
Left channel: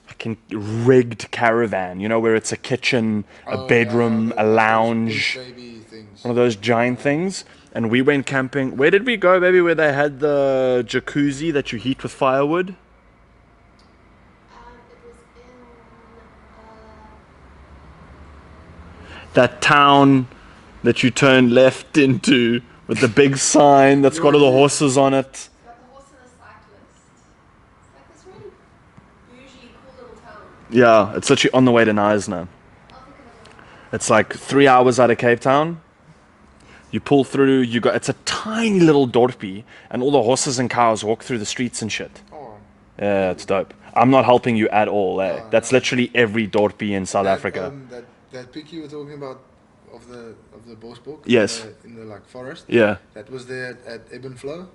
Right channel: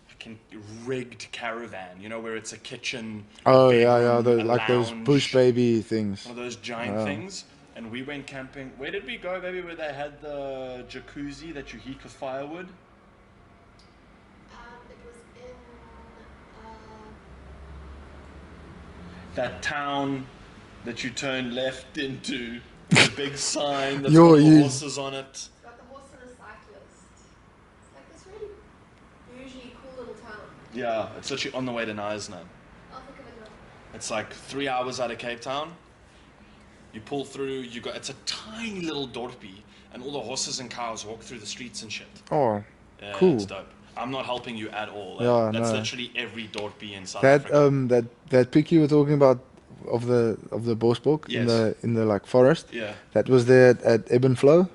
fucking rigged caravan, you know, where it's a kitchen, a bedroom, a like lounge, those push baby things. one of those giant things. And we went camping. Where did we go, baby? Where they had the jacuzzi that you heat with firewood? It was in That town that you turn left into with the big sign that's Yo, got all the you- horses on it. like the horse and a cyclist. It's like this really bougie, cool little town. Yeah, it's literally on the way to Knysna. I'll think of it. It's like 3 hours out of Cape Town. You pull through, it's a tiny little dorpie, and all the horses and cows walk through the streets and shit. Oh, Yeah, Cool. it's dope. I'm not helping you at all. Yeah, That's no. literally every dorpie in South that Africa. that pic you were talking about, of the Bosbok Yes. in the like forest. Yeah. That was there at Ebb and Flow.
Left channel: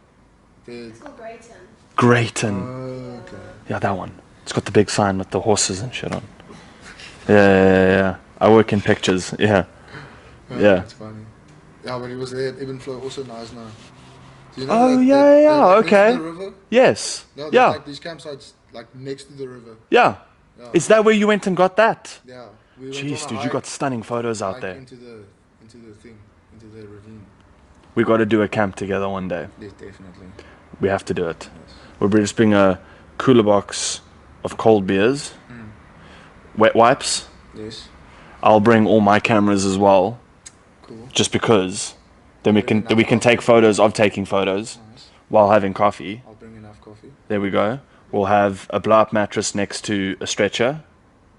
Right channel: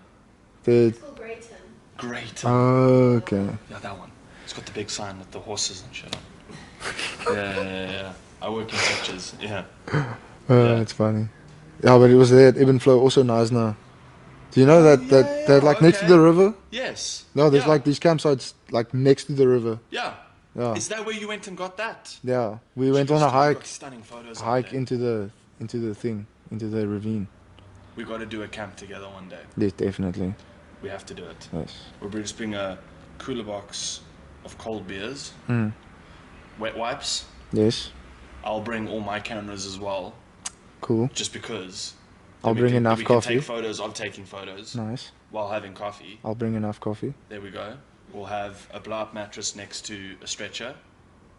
It's called Greyton. Greyton. Oh, okay. Yeah, that one. It's got the big sign with the horses and shit on. Yeah. I work in pictures. Yeah. Oh, Yeah. that's funny. Yeah, but it was there at Ebb and Flow, also nice now. Do you know Oh, that yeah, like next okay. to the river? Yes. No, there's yeah. like these campsites like next to the river. Yeah. Yeah. Is that where you went and got that? Yeah. We went Jeez, on a dude, you hike, got stunning photos out there. into the thing, into the ravine. We got to do a camp together one day. Yes, definitely. We have to do it. Yes. We'll just bring a cooler box of cold beers, Mm. wet wipes. Yes. I'll bring all my cameras as well, Cool. just because. Then I'll we bring can enough take coffee. photos of taking photos Nice. while having coffee. I'll bring enough coffee. There we go. We'll have a blow-up mattress next to a stretcher,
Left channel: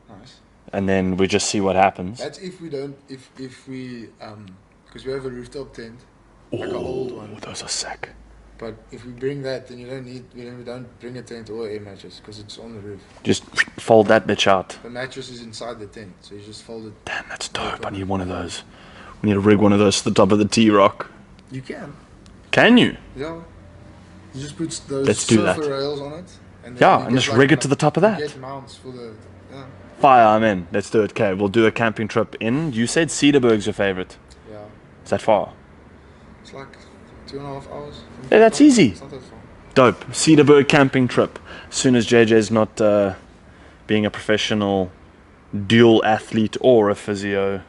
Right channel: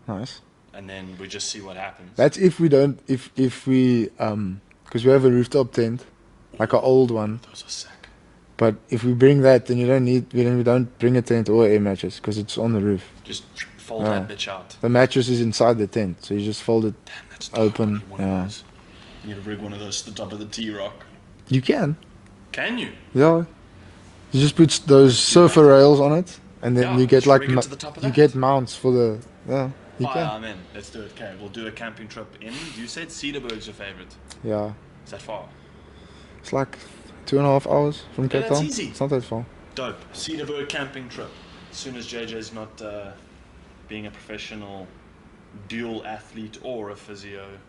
Nice. and then we just see what happens. That's if we don't, if we, because we have a rooftop tent, like an old one. Those are sick. But if we bring that, then we don't bring a tent or air mattress because it's on the roof. Just fold Yeah. that bitch out. The mattress is inside the tent, so you just fold it. Damn, that's dope. I Open, need one of yeah. those. We need to rig one of those to the top of the T-Rock. You can. Can you? Yeah. You just put those Let's do surfer that. rails on it, and then Yeah, you and get just like rig it to the top of that. You get mounts for the you Fire, can. I'm in. Let's do it. Okay, we'll do a camping trip in. You said Cedarburg's your favorite. Yeah. Is that far? It's like 2.5 hours from Hey, Cape that's Town. easy. It's not that far. Dope. Cedarburg camping trip. As soon as JJ's not being a professional dual athlete or a physio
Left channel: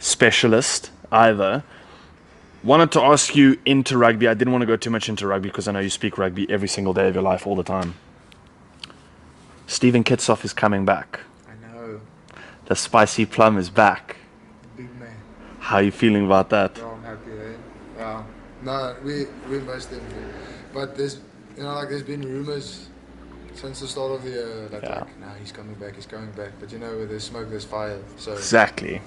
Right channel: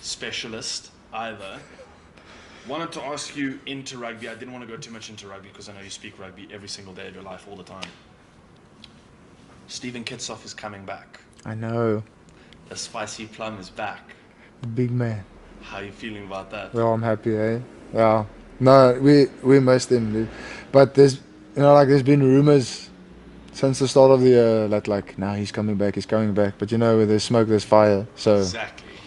specialist either. Wanted to ask you into rugby. I didn't want to go too much into rugby because I know you speak rugby every single day of your life all the time. Stephen Kitsoff is coming back. I know. The spicy plum is back. The big man. How are you feeling about that? Yeah, I'm happy, eh? Yeah. No, we missed him, dude. But there's there's been rumors since the start of the year that nah, he's coming back. But where there's smoke, there's fire. So Exactly.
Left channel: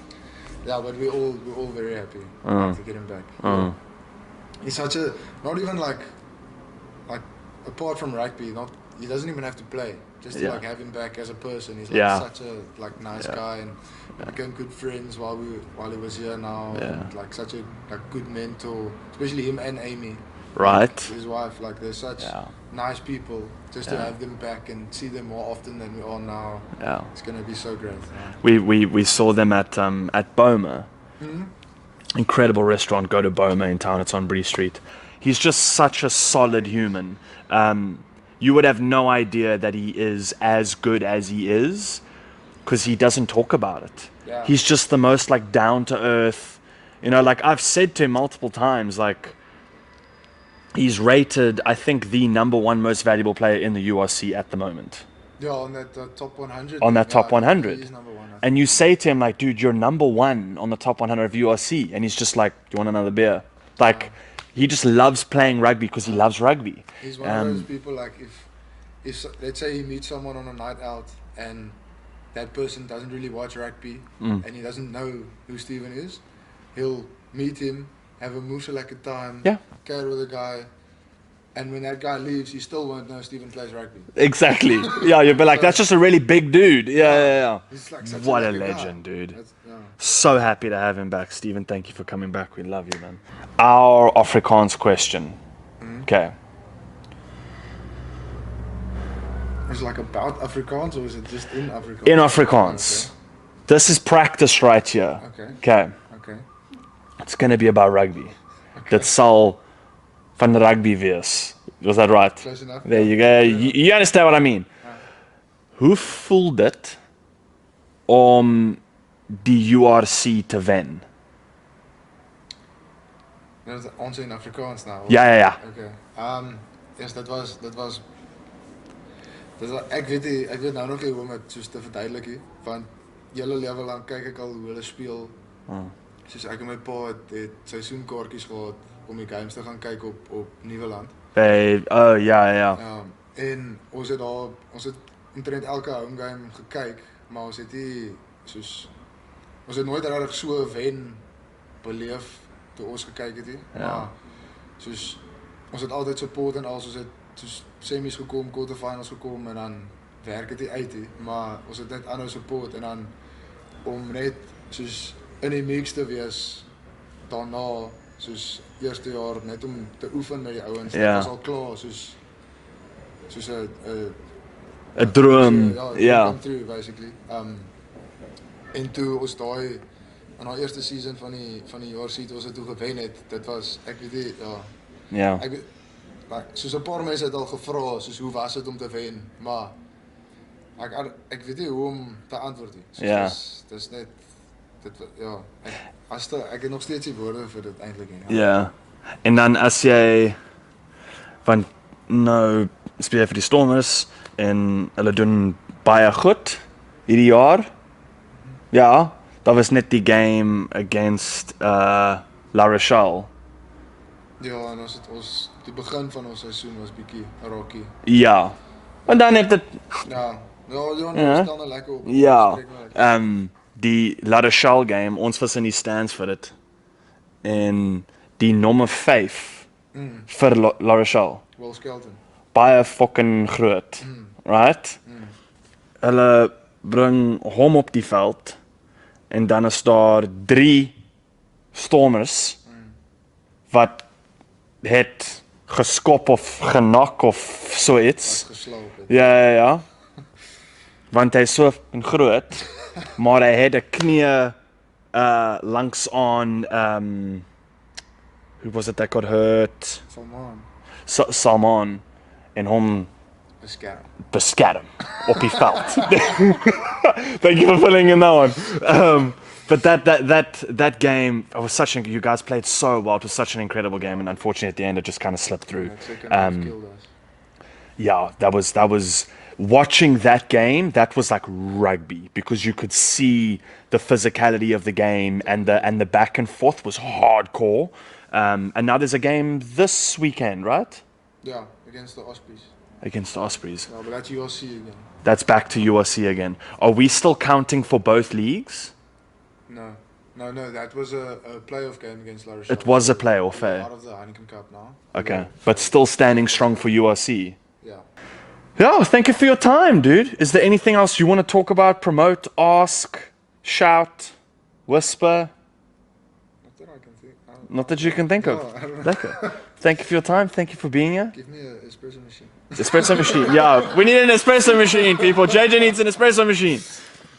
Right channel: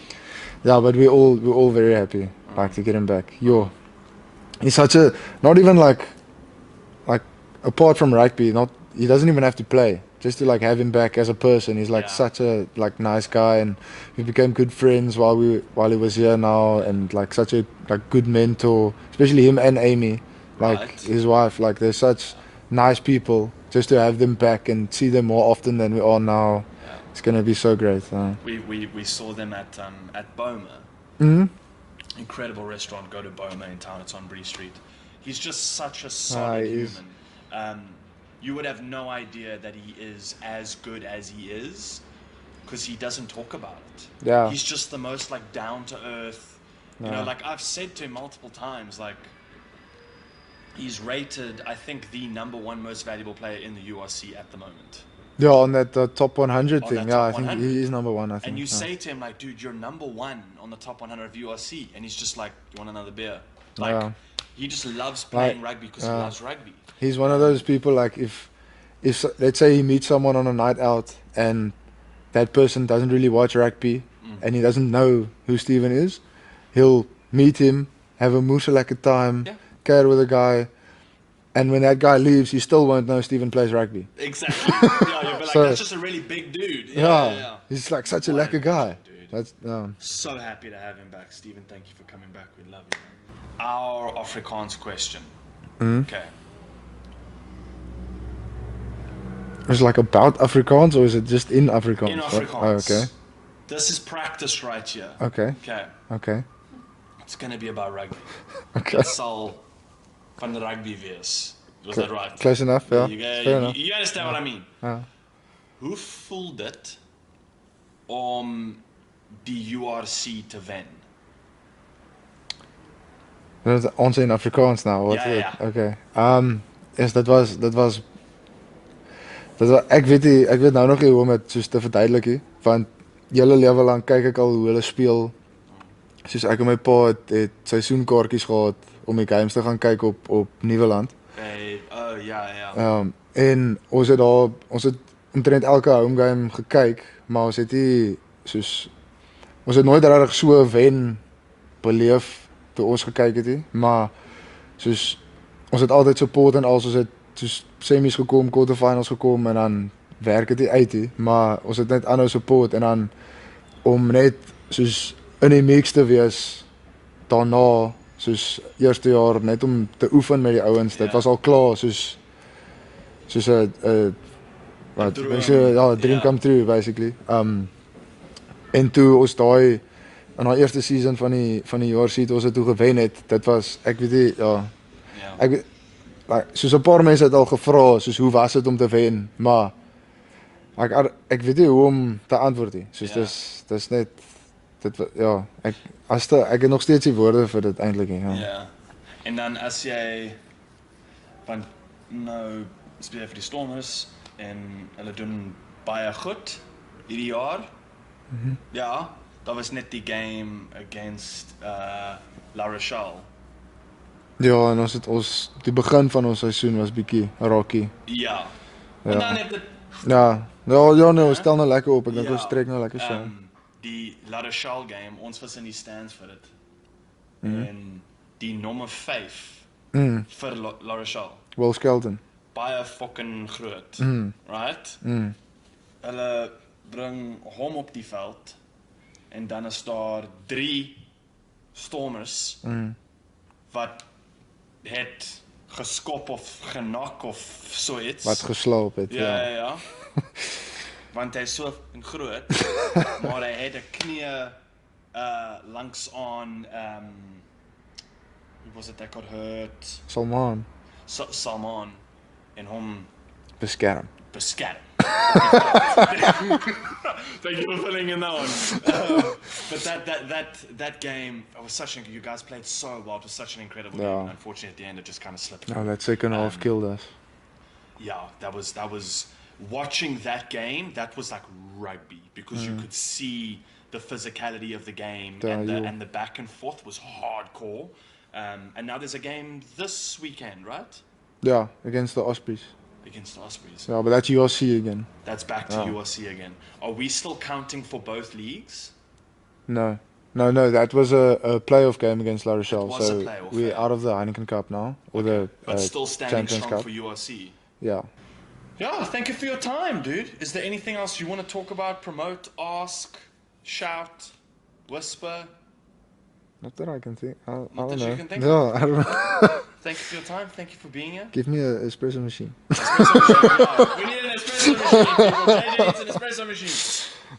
yeah, but we're all very happy to get him back. Yo, he's such a not even like apart from rugby, he doesn't even have to play. Just to have him back as a person. He's such a nice guy, and we became good friends while he was here now, and such a good mentor, especially him and Amy. Right. His wife, they're such nice people. Just to have them back and see them more often than we are now. Yeah. It's gonna be so great. We saw them at Boma. Mm-hmm. Incredible restaurant. Go to Boma in town. It's on Bree Street. He's just such a solid he is. human. You would have no idea that he is as good as he is because he doesn't talk about it. Yeah. He's just the most down to earth. I've said to him multiple times, he's rated, I think, the #1 most valuable player in the URC at the moment. Yeah, on that top 100. On that top I think 100. He's #1. I think. And you say to him, dude, you're #1 on the top 100 of URC. And he's just like, you want another beer? He just loves playing rugby because he loves rugby. He's one of those people, if let's say he meets someone on a night out and that person doesn't really watch rugby and he doesn't know who Steven is, he'll meet him, have a moeselike time, care with a guy, and when that guy leaves, you still won't know Steven plays rugby. Exactly. Yeah, you'll be like, So- that's just a really big dude. Yeah. He's such What a a lekker guy. legend, dude. That's, So happy to have him back. Stephen, thank you for coming back. We love you, man. Our Afrikaans question. Okay. Is it about Afrikaans or is it just in Afrikaans? In Afrikaans. This is practice right here. Okay. Okay. It's going to be about rugby. Dit sal van rugby wees. Was that right? Close enough. There you Fair go. enough. You understand what I mean? Hoe voel dit om die URC te wen? Dat is ons in Afrikaans nou. of- Ja. Okay. Yes, dat was ek weet nou nog nie hoe om dit soos te verduidelik nie, want hele lewe lank kyk ek al hoe hulle speel. Soos ek en my pa het seisoenkaartjies gehad om die games te gaan kyk op Nieuweland. Ja. En ons het omtrent elke home game gekyk, maar ons het nooit regtig so 'n wen beleef toe ons gekyk het nie, maar soos ons het altyd support en ons het soos semies gekom, quarterfinals gekom en dan werk dit uit nie, maar ons het net aanhou support en dan om net soos in die mix te wees daarna, soos eerste jaar net om te oefen met die ouens. Dit was al klaar soos 'n 'n droom. Ja, dream come true basically. En toe ons daai in haar eerste season van die URC toe ons het toe gewen het, dit was ek weet nie Ja. Soos 'n paar mense het al gevra soos hoe was dit om te wen, maar ek weet nie hoe om te antwoord nie. Soos dis net dit ek het nog steeds die woorde vir dit eintlik nie. Ja. En dan as jy want nou speel jy vir die Stormers en hulle doen baie goed hierdie jaar. Ja, dat was net die game against La Rochelle. Ja, en die begin van ons seisoen was bietjie rocky. Ja. En dan het dit ons stel nou lekker op en ons trek nou lekker. Die La Rochelle game, ons was in die stands vir dit. En die nommer 5 vir La Rochelle. Will Skelton. Baie fucking groot. Right? Hulle bring hom op die veld en dan is daar 3 Stormers wat het geskop of genak of so iets. Wat geslaap het. Ja. Want hy is so groot, maar hy het 'n knie langs aan who was it that got hurt? Salman en hom beskerm op die veld. Thank you for filling in that one. But that game, you guys played so well. It was such an incredible game, and unfortunately at the end it just kind of slipped through. That second half killed us. Yeah, that was watching that game. That was like rugby because you could see the physicality of the game and the back and forth was hardcore. And now there's a game this weekend, right? Yeah, against the Ospreys. Against the Ospreys. Yeah, but that's URC again. That's back to URC again. Are we still counting for both leagues? No, that was a playoff game against La Rochelle. It was a playoff, we're out of the Heineken Cup now. Okay, but still standing strong for URC. Yeah. Yeah, thank you for your time, dude. Is there anything else you want to talk about, promote, ask, shout, whisper? Not that I can think. Not that you can think of? I don't know. Thank you for your time. Thank you for being here. Give me an espresso machine. Espresso machine, yeah. We need an espresso machine, people. JJ needs an espresso machine.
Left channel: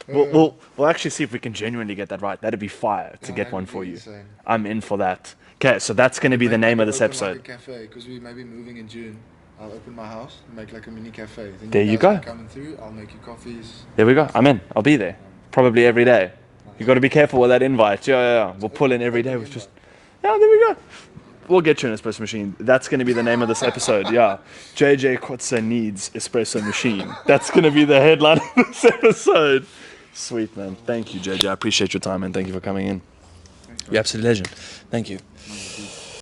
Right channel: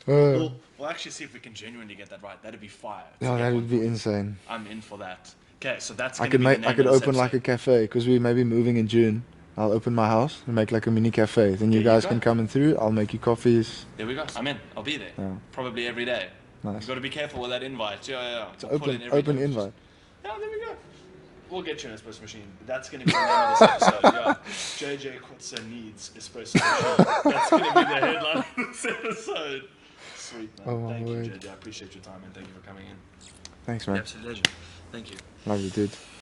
We'll actually see if we can genuinely get that right. That'd be fire to get one for you. Insane. I'm in for that. Okay, so that's going to be the name of this episode. episode. Open like a cafe because we may be moving in June. I'll open my house and make like a mini cafe. Then there you guys go. can come in through. I'll make you coffees. There we go. I'm in. I'll be there. Yeah. Probably every day. Nice. You got to be careful with that invite. Yeah. We'll pull in every day. Invite. Yeah, there we go. We'll get you an espresso machine. That's going to be the name of this episode. Yeah. JJ Kotze needs espresso machine. That's going to be the headline of this episode. Sweet, man. Thank you, JJ. I appreciate your time, and thank you for coming in. Thanks, man. You're absolute legend. Thank you. Love you, dude.